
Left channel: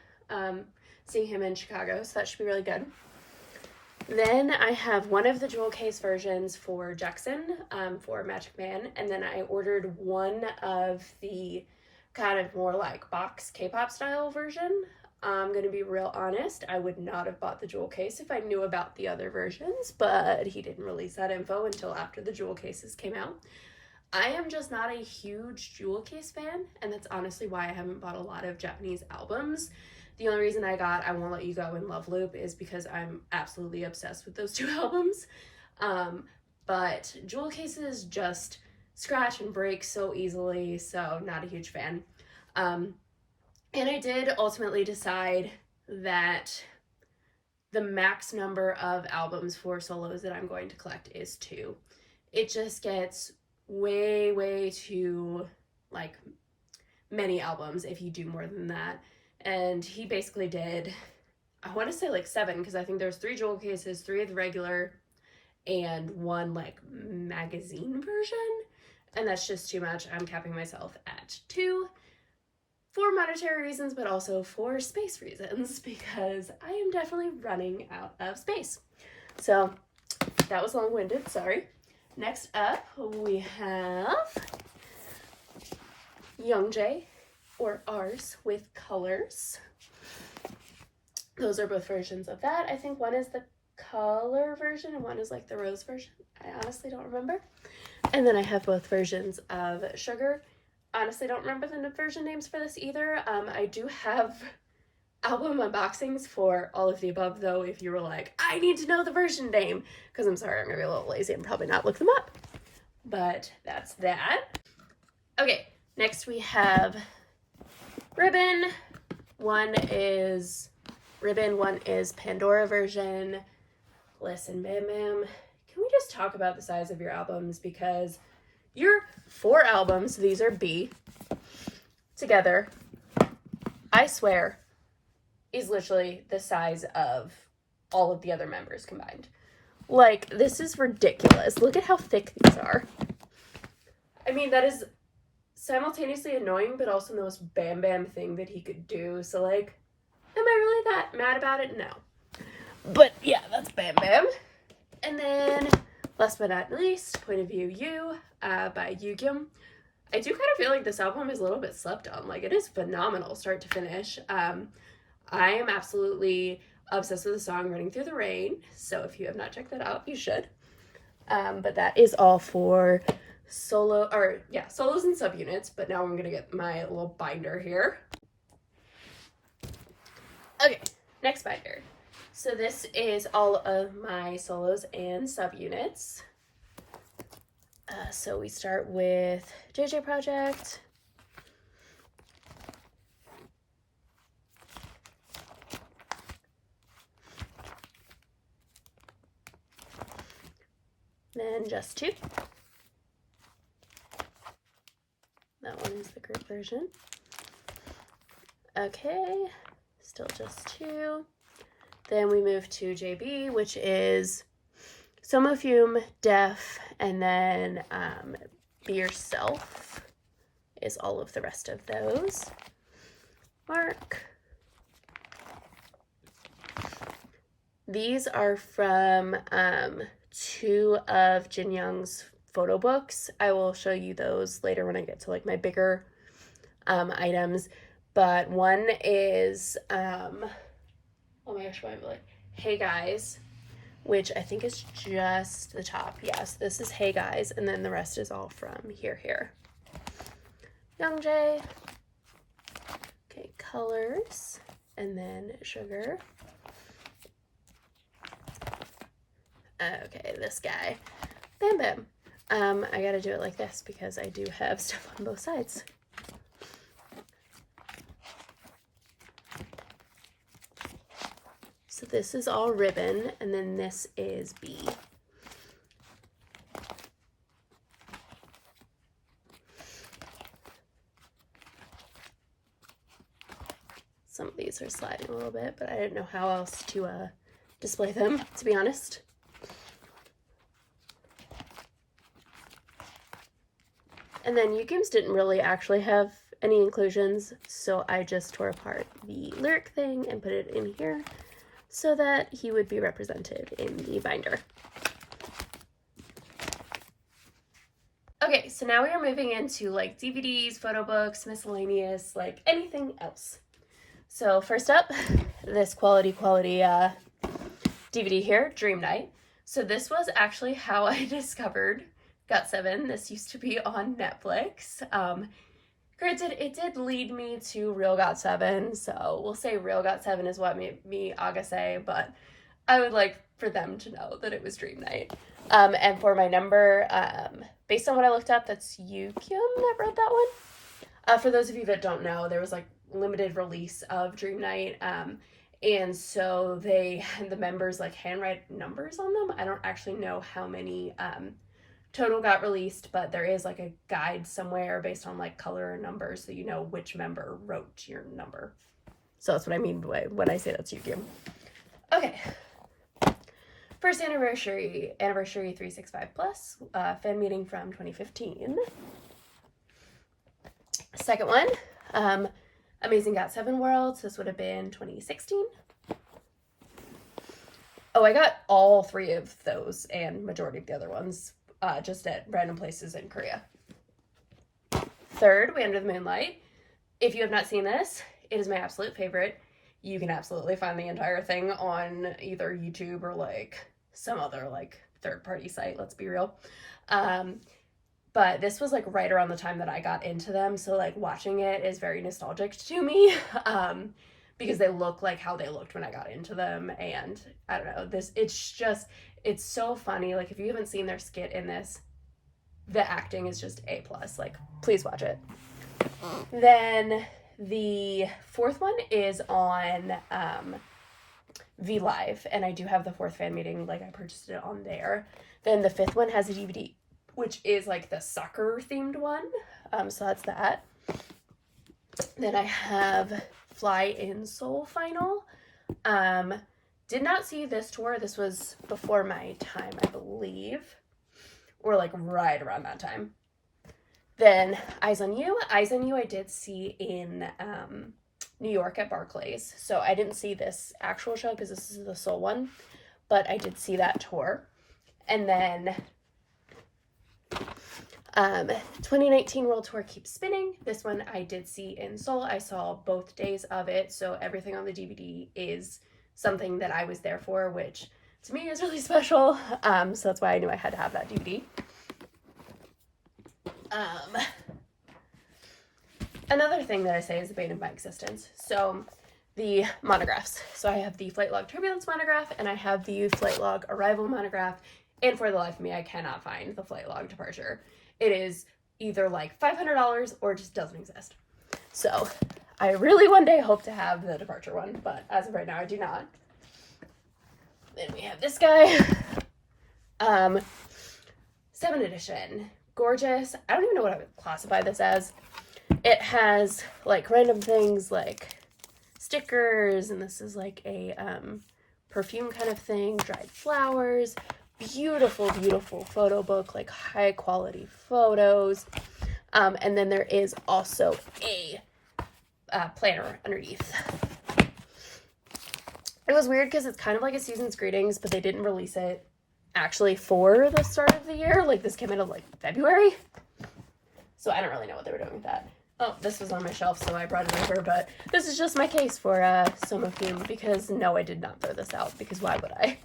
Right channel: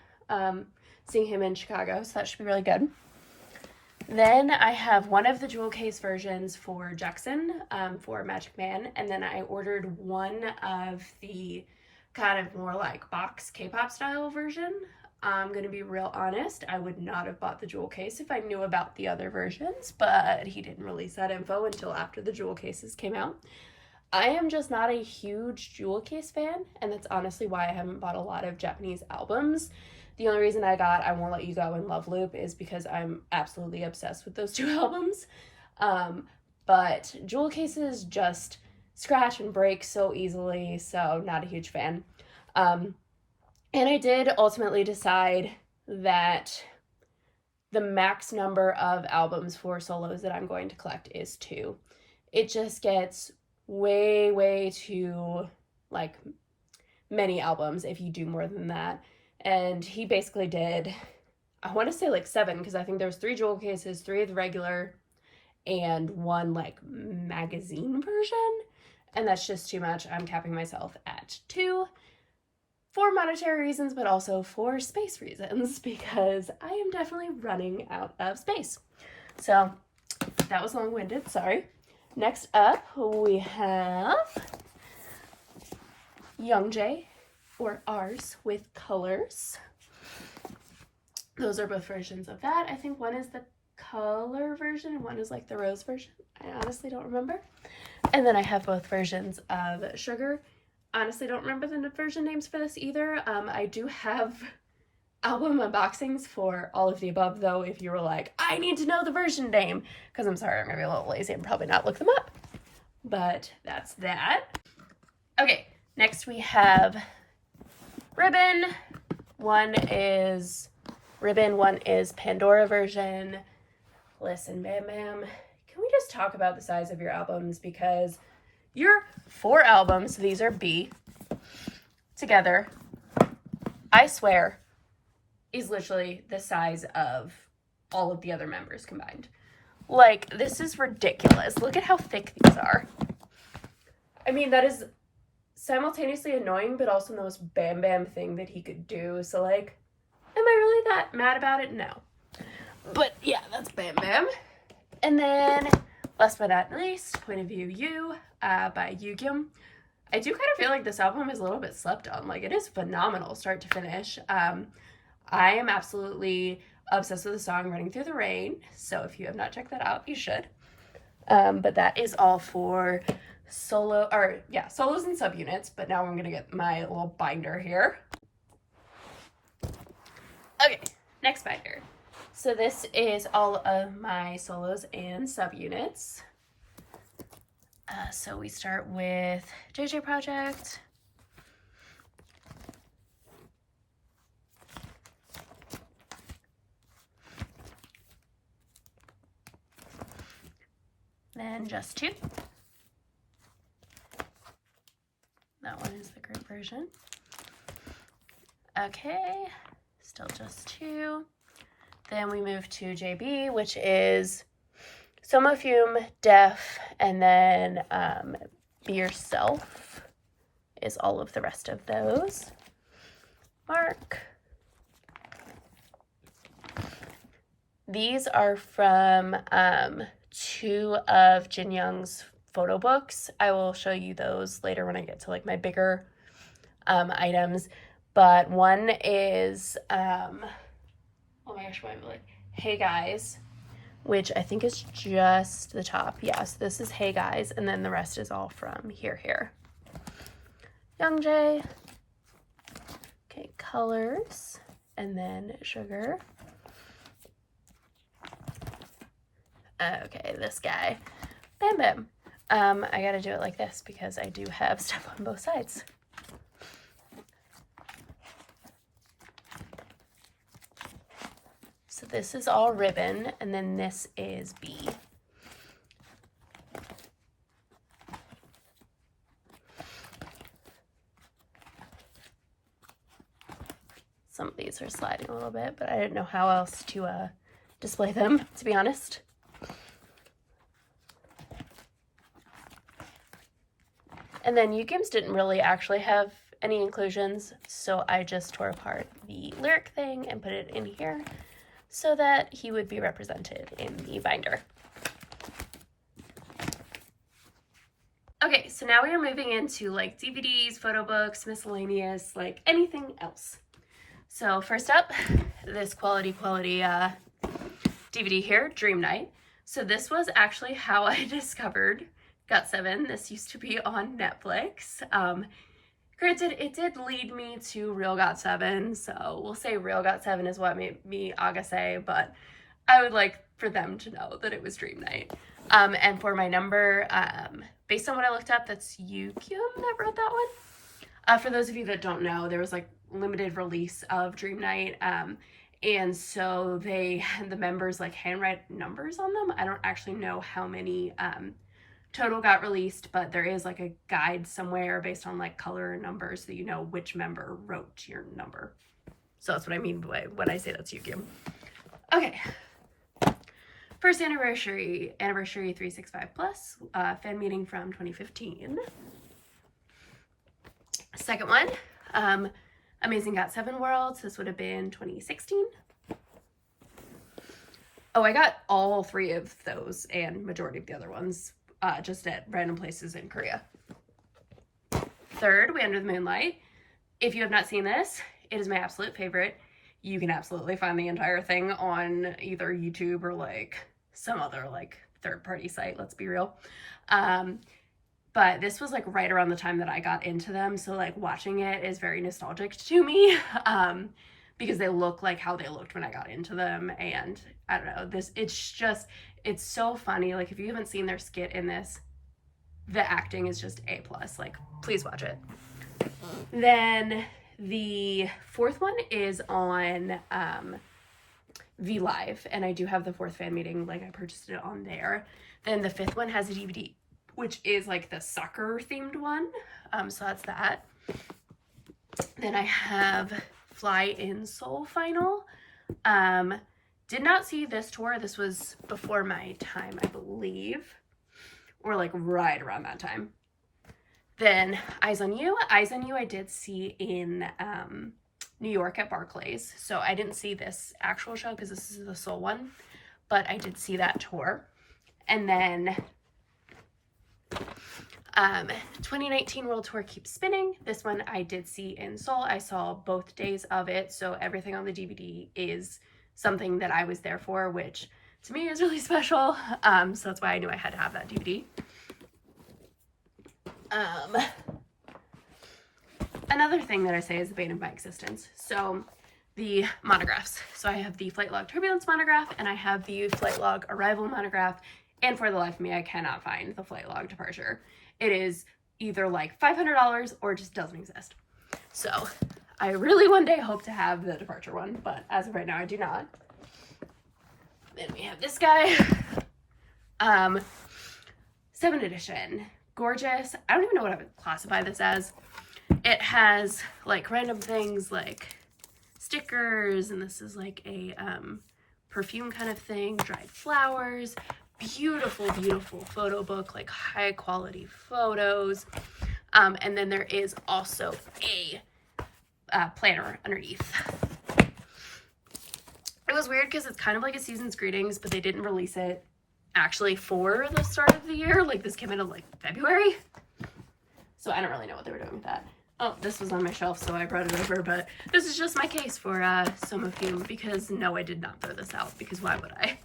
Seeing him in Chicago, so that should be really good. Then I have one of the jewel case versions for Jackson, for Magic Man, and then I ordered one of the kind of more like box K-pop style version. I'm gonna be real honest, I would not have bought the jewel case if I knew about the other versions, but he didn't release that info until after the jewel cases came out. I am just not a huge jewel case fan, and that's honestly why I haven't bought a lot of Japanese albums. The only reason I got I Won't Let You Go and Love Loop is because I'm absolutely obsessed with those two albums. But jewel cases just scratch and break so easily, so not a huge fan. And I did ultimately decide that the max number of albums for solos that I'm going to collect is 2. It just gets way too, like, many albums if you do more than that. And he basically did, I want to say like 7, because I think there's 3 jewel cases, 3 of the regular, and 1 like magazine version. And that's just too much. I'm capping myself at 2 for monetary reasons, but also for space reasons, because I am definitely running out of space. So that was long-winded, sorry. Next up, we have Youngjae, or Ours with Colors. Those are both versions of that. I think one is the color version and one is like the rose version. I honestly don't remember. And then I have both versions of Sugar. Honestly don't remember the version names for this either. I do have album unboxings for all of the above, though, if you were like, I need to know the version name, because I'm sorry, I'm gonna be a little lazy and probably not look them up. But that's that. Okay, next we have Ribbon. One is Ribbon, one is Pandora version. Listen, Bam Bam, can we just talk about the size of your albums? Because your 4 albums, these are B, together, I swear, is literally the size of all of the other members combined. Like, this is ridiculous. Look at how thick these are. I mean, that is simultaneously annoying, but also the most Bam Bam thing that he could do. So, like, am I really that mad about it? No. But, yeah, that's Bam Bam. And then, last but not least, Point of View You by Yugyeom. I do kind of feel like this album is a little bit slept on. Like, it is phenomenal start to finish. I am absolutely obsessed with the song Running Through the Rain, so if you have not checked that out, you should. But that is all for solos and subunits, but now I'm going to get my little binder here. Okay, next binder. So this is all of my solos and subunits. So we start with JJ Project. Then Just 2. That one is the group version. Okay, still Just 2. Then we move to JB, which is Somofume, Def, and then Be Yourself is all of the rest of those. Mark. These are from 2 of Jin Young's photo books. I will show you those later when I get to like my bigger items. But one is, oh my gosh, why am I like, Hey Guys, which I think is just the top. Yes, this is Hey Guys, and then the rest is all from Here. Youngjae. Okay, Colors, and then Sugar. Okay, this guy, Bam Bam. I gotta do it like this because I do have stuff on both sides. So this is all Ribbon, and then this is B. Some of these are sliding a little bit, but I didn't know how else to display them, to be honest. And then Yugyeom's didn't really actually have any inclusions, so I just tore apart the lyric thing and put it in here. so that he would be represented in the binder. Okay, so now we are moving into like DVDs, photo books, miscellaneous, like anything else. So first up, this quality DVD here, Dream Night. So this was actually how I discovered Got7. This used to be on Netflix. Granted, it did lead me to Real Got7, so we'll say Real Got7 is what made me Agase, but I would like for them to know that it was Dream Night. And for my number, based on what I looked up, that's Yukyum that wrote that one. For those of you that don't know, there was like limited release of Dream Night, and so they had the members like handwrite numbers on them. I don't actually know how many total got released, but there is like a guide somewhere based on like color and numbers so you know which member wrote your number. So that's what I mean by when I say that's Yukyum. Okay. First anniversary 365 plus, fan meeting from 2015. Second one, Amazing Got7 Worlds. This would have been 2016. Oh, I got all three of those and majority of the other ones just at random places in Korea. Third, We Under the Moonlight. If you have not seen this, it is my absolute favorite. You can absolutely find the entire thing on either YouTube or like some other like third-party site, let's be real. But this was like right around the time that I got into them, so like watching it is very nostalgic to me, because they look like how they looked when I got into them, and I don't know, it's so funny. Like if you haven't seen their skit in this, the acting is just A+, like please watch it. Then the fourth one is on V Live, and I do have the fourth fan meeting, like I purchased it on there. Then the fifth one has a DVD, which is like the soccer themed one, so that's that. Then I have Fly in Seoul Final. Did not see this tour. This was before my time, I believe, or like right around that time. Then Eyes on You. Eyes on You I did see in New York at Barclays. So I didn't see this actual show because this is the Seoul one, but I did see that tour. And then 2019 World Tour Keeps Spinning. This one I did see in Seoul. I saw both days of it, so everything on the DVD is something that I was there for, which to me is really special. So that's why I knew I had to have that DVD. Another thing that I say is the bane of my existence. So the monographs. So I have the Flight Log Turbulence monograph, and I have the Flight Log Arrival monograph, and for the life of me, I cannot find the Flight Log Departure. It is either like $500 or just doesn't exist. So I really one day hope to have the Departure one, but as of right now, I do not. Then we have this guy. 7th edition. Gorgeous. I don't even know what I would classify this as. It has like random things like stickers, and this is like a perfume kind of thing, dried flowers, beautiful, beautiful photo book, like high quality photos. And then there is also a planner underneath. It was weird because it's kind of like a season's greetings, but they didn't release it actually for the start of the year. Like this came out of like February. So I don't really know what they were doing with that. Oh, this was on my shelf, so I brought it over, but this is just my case for some of you, because no, I did not throw this out, because why would I?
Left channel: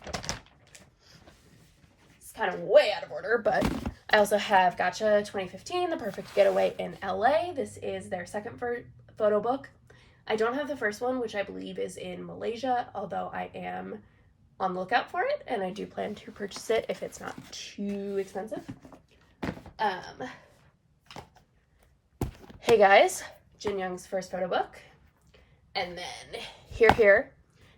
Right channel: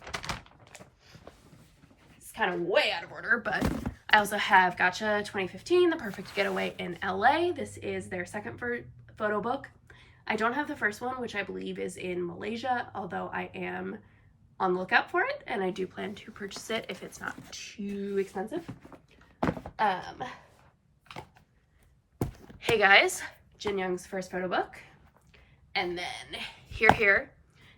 It's kind of way out of order, but I also have Gotcha 2015, The Perfect Getaway in LA. This is their second photo book. I don't have the first one, which I believe is in Malaysia, although I am on the lookout for it, and I do plan to purchase it if it's not too expensive. Hey Guys, Jin Young's first photo book, and then Here,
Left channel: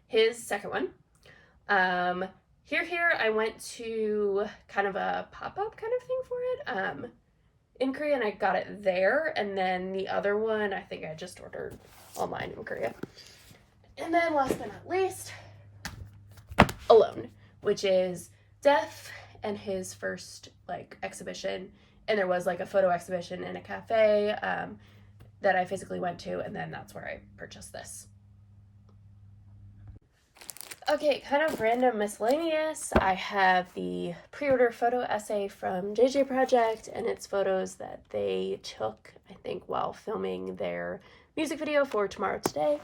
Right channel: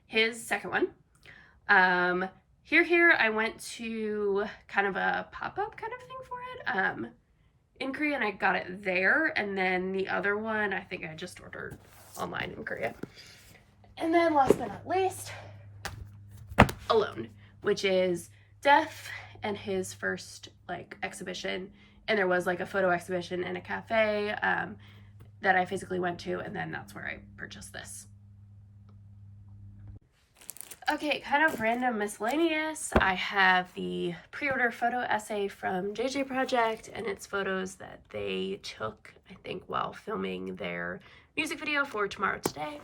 his second one. Here, I went to kind of a pop-up kind of thing for it in Korea, and I got it there, and then the other one I think I just ordered online in Korea. And then last but not least, Alone, which is Def and his first like exhibition, and there was like a photo exhibition in a cafe that I physically went to, and then that's where I purchased this. Okay, kind of random miscellaneous. I have the pre-order photo essay from JJ Project, and it's photos that they took, I think, while filming their music video for Tomorrow Today.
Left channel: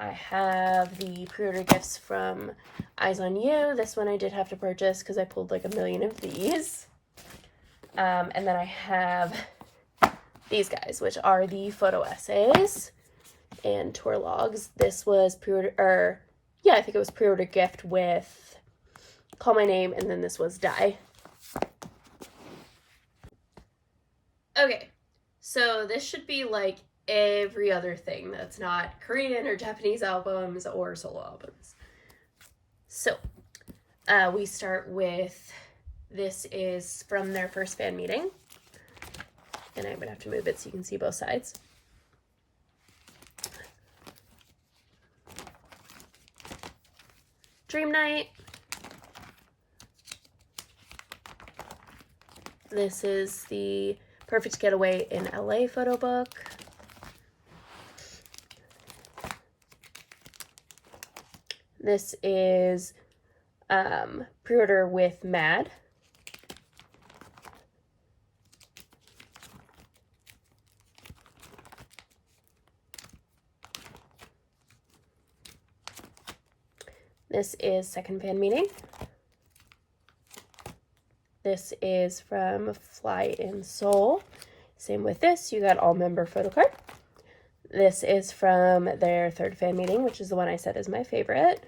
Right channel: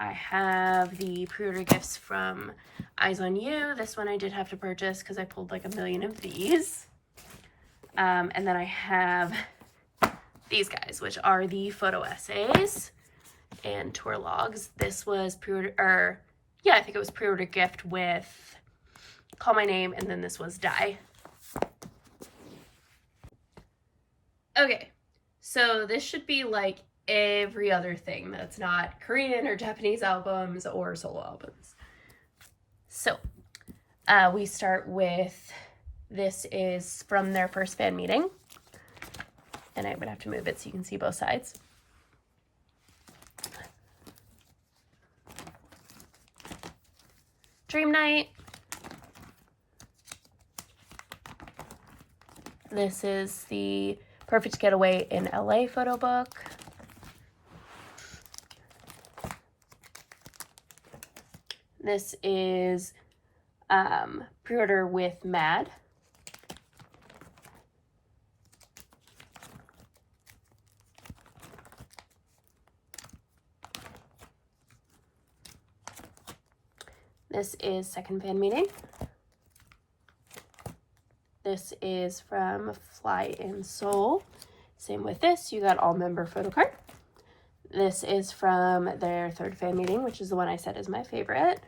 I have the pre-order gifts from Eyes on You. This one I did have to purchase because I pulled like a million of these. And then I have these guys, which are the photo essays and tour logs. This was pre-order, or yeah, I think it was pre-order gift with Call My Name, and then this was Die. Okay, so this should be like every other thing that's not Korean or Japanese albums or solo albums. So we start with, this is from their first fan meeting, and I'm gonna have to move it so you can see both sides. Dream Night. This is the Perfect Getaway in LA photo book. This is pre-order with Mad. This is second fan meeting. This is from Fly in Seoul. Same with this, you got all member photo card. This is from their third fan meeting, which is the one I said is my favorite.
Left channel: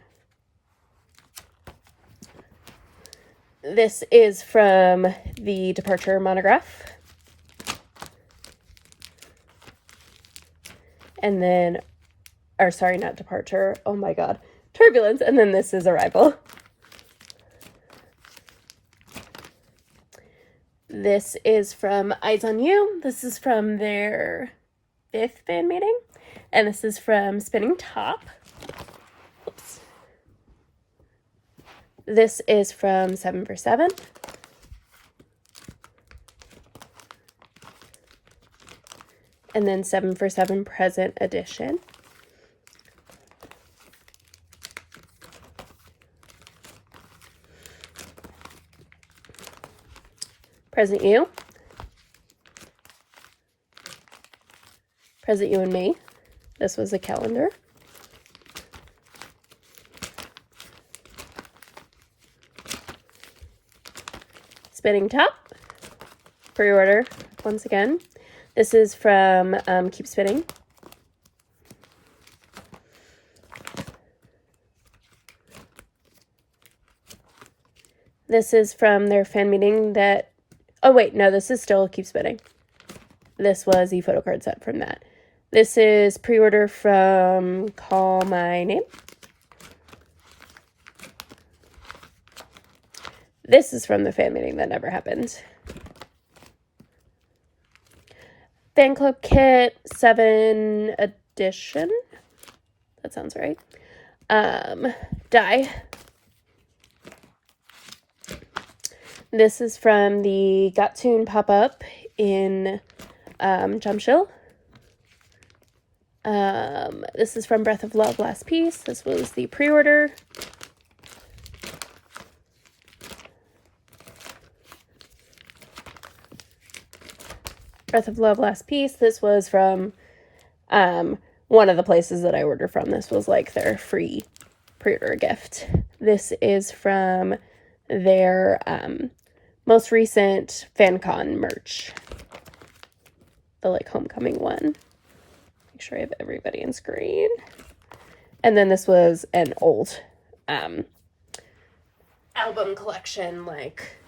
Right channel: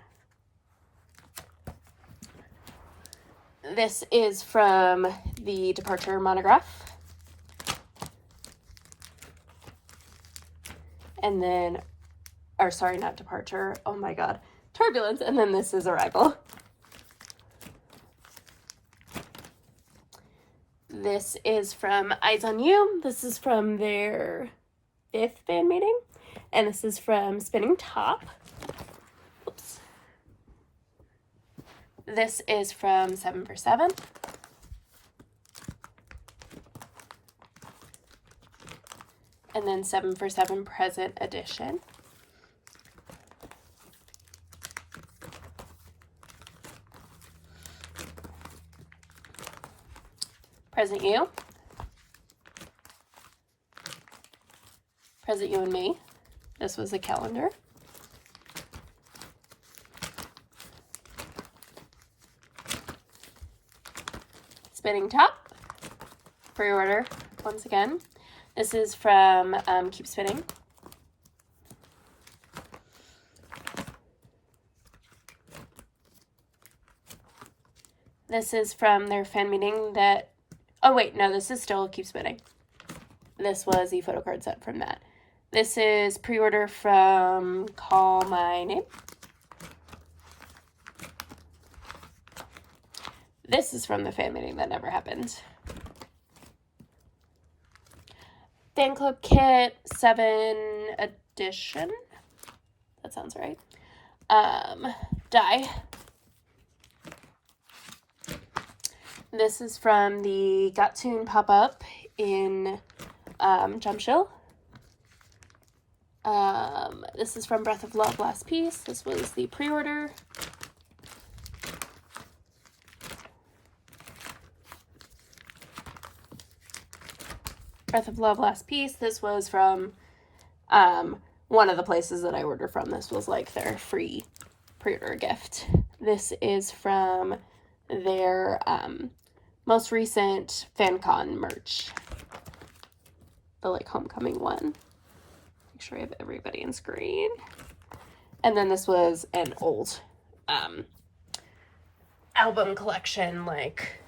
This is from the Departure monograph. And then, or sorry, not Departure, oh my god, Turbulence, and then this is Arrival. This is from Eyes on You. This is from their fifth fan meeting. And this is from Spinning Top. Oops. This is from 7 for 7. And then 7 for 7 Present Edition. Present You. Present You and Me. This was a calendar. Spinning Top. Pre-order once again. This is from Keep Spinning. This is from their fan meeting that, oh wait, no, this is still Keep Spinning. This was the photo card set from that. This is pre-order from Call My Name. This is from the fan meeting that never happened. Fan Club Kit 7 Edition. That sounds right. Die. This is from the Got7 pop-up in Jamsil. This is from Breath of Love Last Piece. This was the pre-order. Breath of Love Last Piece. This was from one of the places that I ordered from. This was like their free pre-order gift. This is from their most recent FanCon merch. The like homecoming one. Make sure I have everybody in screen. And then this was an old album collection. Like,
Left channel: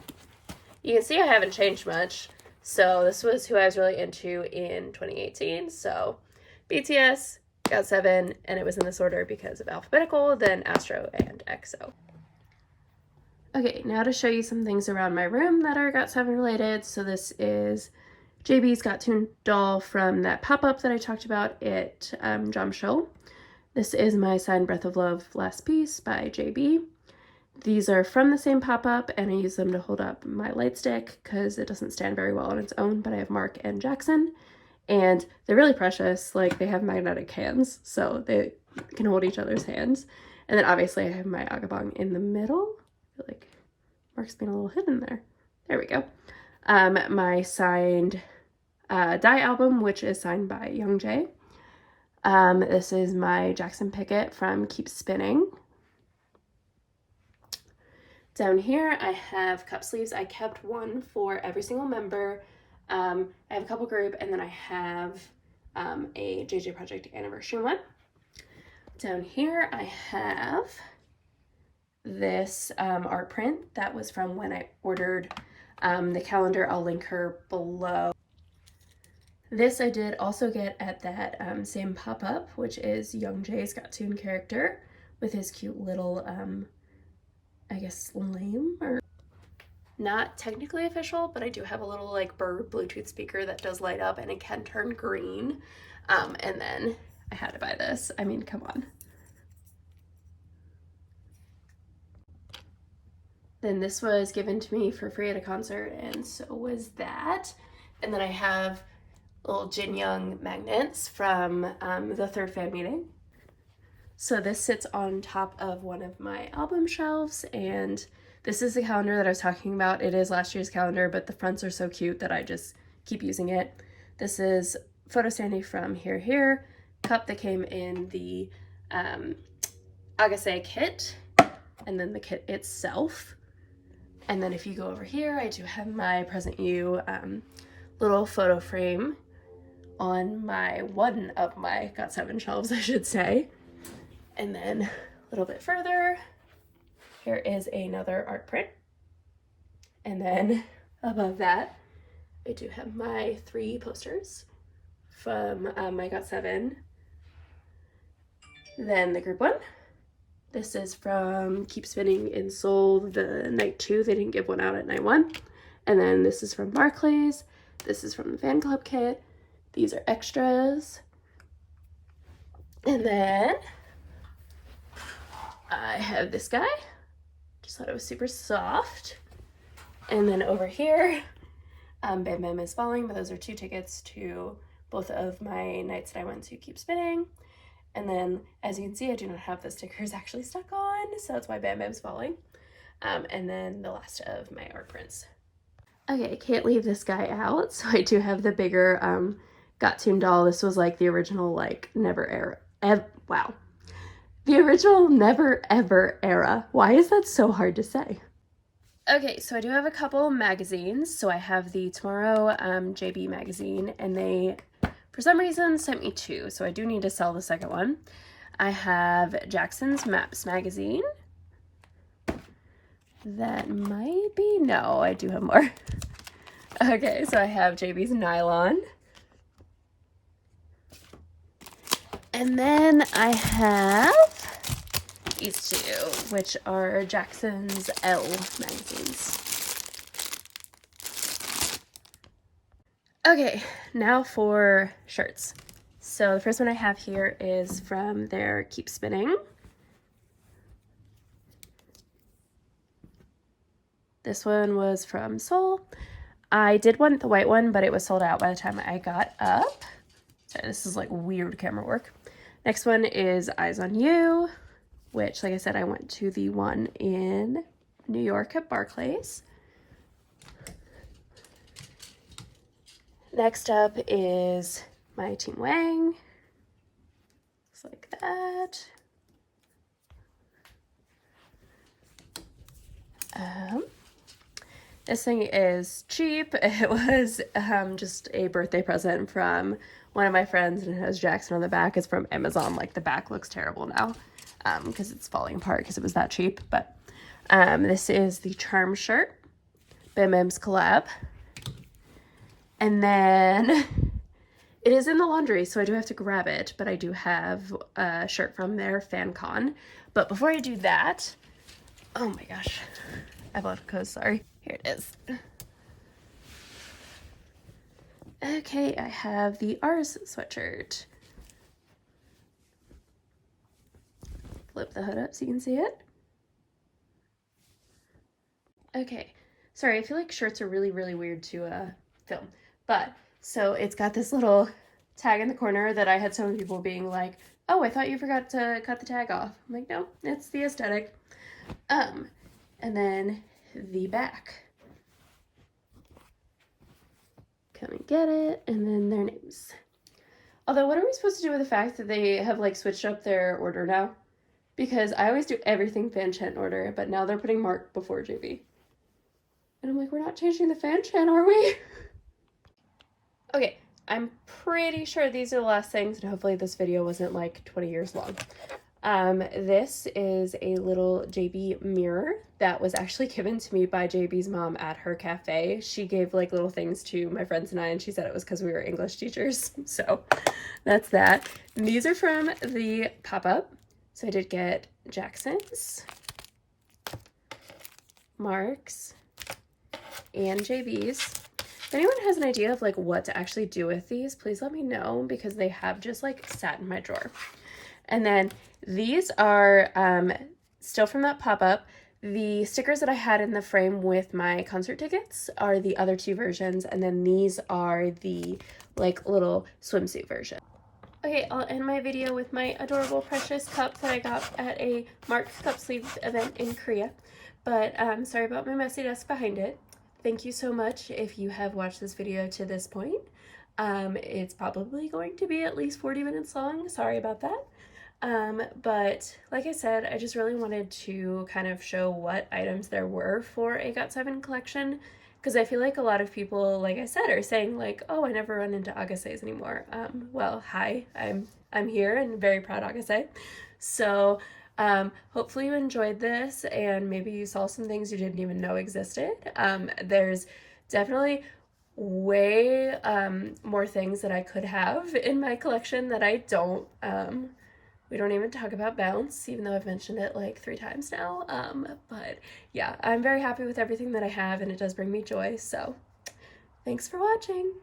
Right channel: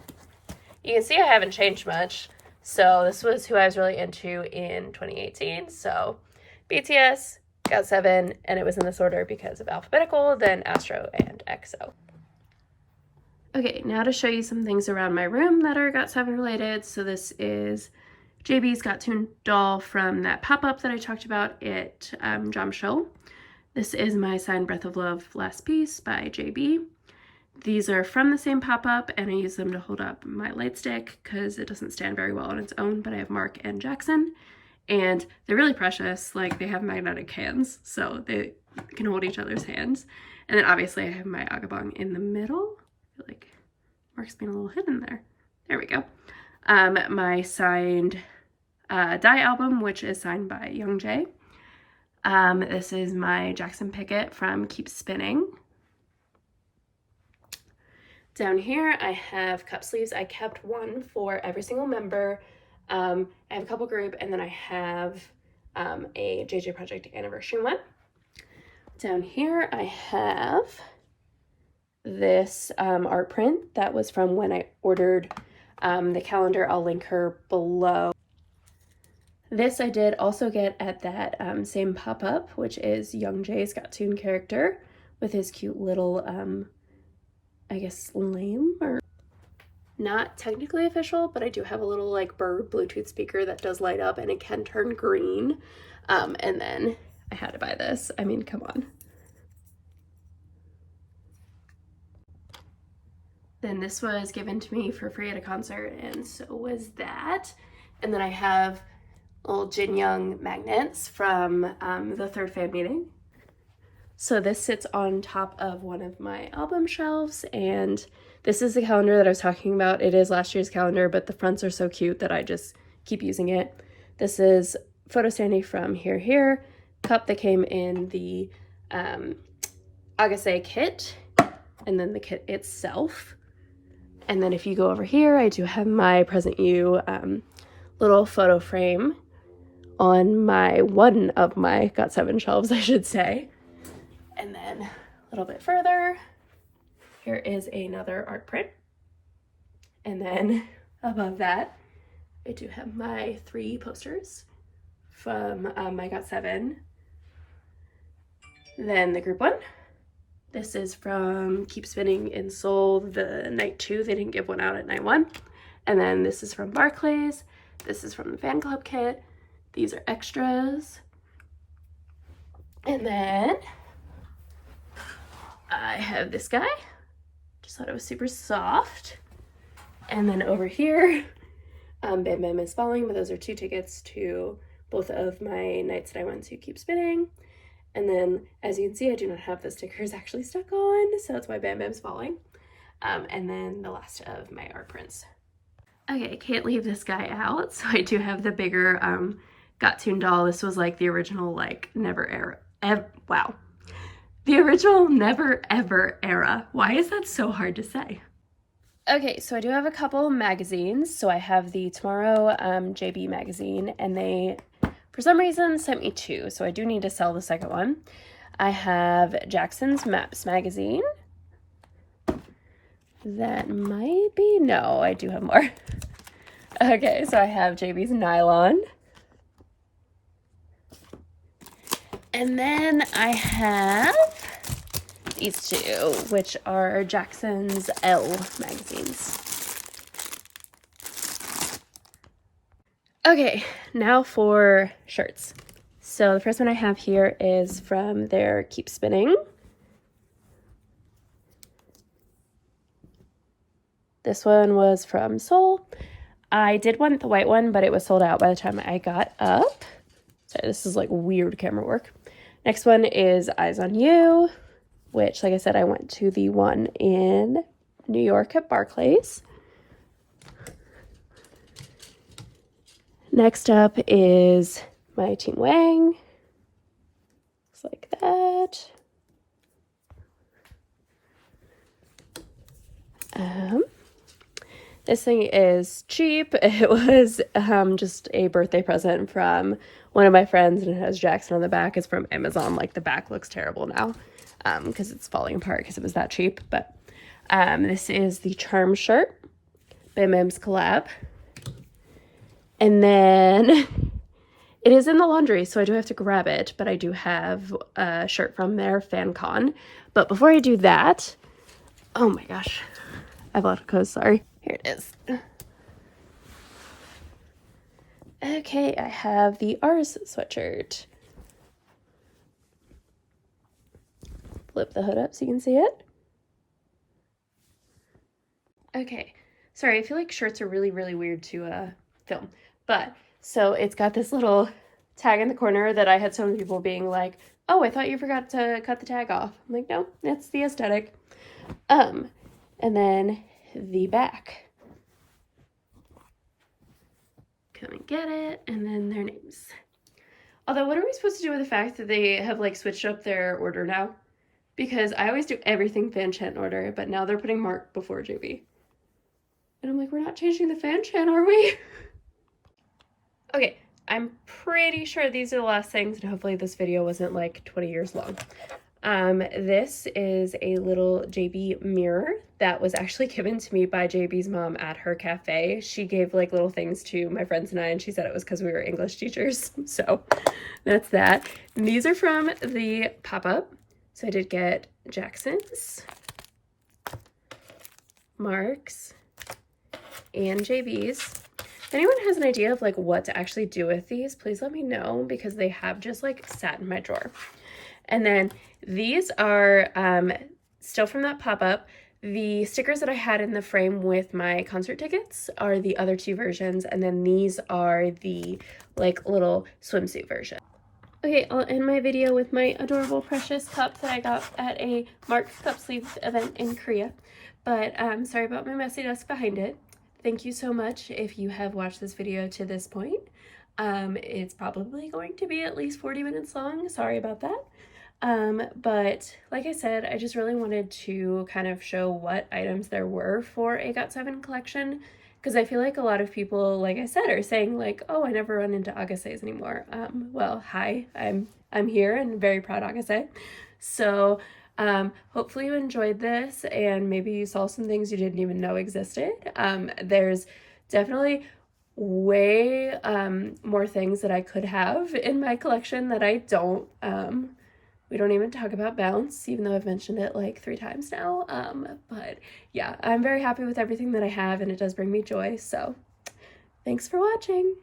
you can see I haven't changed much. So this was who I was really into in 2018. So BTS, Got7, and it was in this order because of alphabetical, then Astro and EXO. Okay, now to show you some things around my room that are Got7 related. So this is JB's Got7 doll from that pop-up that I talked about at Jamsil. This is my signed Breath of Love Last Piece by JB. These are from the same pop-up, and I use them to hold up my light stick because it doesn't stand very well on its own, but I have Mark and Jackson, and they're really precious. Like, they have magnetic hands, so they can hold each other's hands. And then obviously I have my Agabong in the middle. I feel like Mark's being a little hidden there. There we go. My signed Die album, which is signed by Young Jay. This is my Jackson Pickett from Keep Spinning. Down here I have cup sleeves. I kept one for every single member. I have a couple group, and then I have a JJ Project anniversary one. Down here I have this art print that was from when I ordered the calendar. I'll link her below. This I did also get at that same pop-up, which is Young Jay's Got7 character with his cute little, I guess, lame, or not technically official, but I do have a little like bird Bluetooth speaker that does light up and it can turn green. And then I had to buy this. I mean, come on. Then this was given to me for free at a concert, and so was that. And then I have little Jin Young magnets from the third fan meeting. So this sits on top of one of my album shelves, and this is the calendar that I was talking about. It is last year's calendar, but the fronts are so cute that I just keep using it. This is Photo Standee from Here, cup that came in the Agase kit, and then the kit itself. And then if you go over here, I do have my Present You little photo frame on one of my Got7 shelves, I should say. And then a little bit further, here is another art print. And then above that, I do have my 3 posters from my Got7. Then the group one. This is from Keep Spinning in Seoul, the night 2. They didn't give one out at night 1. And then this is from Barclays. This is from the fan club kit. These are extras. And then I have this guy. Just thought it was super soft. And then over here, Bam Bam is Falling, but those are 2 tickets to both of my nights that I went to Keep Spinning. And then, as you can see, I do not have the stickers actually stuck on, so that's why Bam Bam's Falling. And then the last of my art prints. Okay, can't leave this guy out, so I do have the bigger Got7 doll. This was like the original, like, wow. The original Never Ever era. Why is that so hard to say? Okay, so I do have a couple magazines. So I have the Tomorrow JB magazine, and they, for some reason, sent me 2, so I do need to sell the second one. I have Jackson's Maps magazine. That might be, no, I do have more. Okay, so I have JB's Nylon. And then I have these 2, which are Jackson's L magazines. Okay, now for shirts. So the first one I have here is from their Keep Spinning. This one was from Seoul. I did want the white one, but it was sold out by the time I got up. Sorry, this is like weird camera work. Next one is Eyes on You, which, like I said, I went to the one in New York at Barclays. Next up is my Team Wang. Looks like that. This thing is cheap. It was just a birthday present from one of my friends, and it has Jackson on the back. It's from Amazon. Like, the back looks terrible now because it's falling apart because it was that cheap. But this is the Charm shirt, Bam Bam's collab. And then it is in the laundry, so I do have to grab it, but I do have a shirt from their FanCon. But before I do that, oh my gosh, I've left clothes, sorry. Here it is. Okay, I have the Ours sweatshirt. Flip the hood up so you can see it. Okay, sorry, I feel like shirts are really, really weird to film. But, so it's got this little tag in the corner that I had so many people being like, oh, I thought you forgot to cut the tag off. I'm like, no, it's the aesthetic. And then the back. Come and get it, and then their names. Although, what are we supposed to do with the fact that they have like switched up their order now? Because I always do everything fan chant order, but now they're putting Mark before JB. And I'm like, we're not changing the fan chant, are we? Okay, I'm pretty sure these are the last things, and hopefully this video wasn't like 20 years long. This is a little JB mirror that was actually given to me by JB's mom at her cafe. She gave like little things to my friends and I, and she said it was because we were English teachers. So that's that. And these are from the pop-up. So I did get Jackson's, Mark's, and JB's. If anyone has an idea of like what to actually do with these, please let me know, because they have just like sat in my drawer. And then these are still from that pop-up. The stickers that I had in the frame with my concert tickets are the other two versions, and then these are the like little swimsuit version. Okay, I'll end my video with my adorable precious cup that I got at a Mark's Cup Sleeve event in Korea. But sorry about my messy desk behind it. Thank you so much if you have watched this video to this point. It's probably going to be at least 40 minutes long. Sorry about that. But like I said, I just really wanted to kind of show what items there were for a Got7 collection, because I feel like a lot of people, like I said, are saying like, oh, I never run into Agassiz anymore. Well, hi, I'm here and very proud Agase. So hopefully you enjoyed this, and maybe you saw some things you didn't even know existed. There's definitely way more things that I could have in my collection that I don't. We don't even talk about Bounce, even though I've mentioned it like 3 times now. But yeah, I'm very happy with everything that I have, and it does bring me joy. So thanks for watching.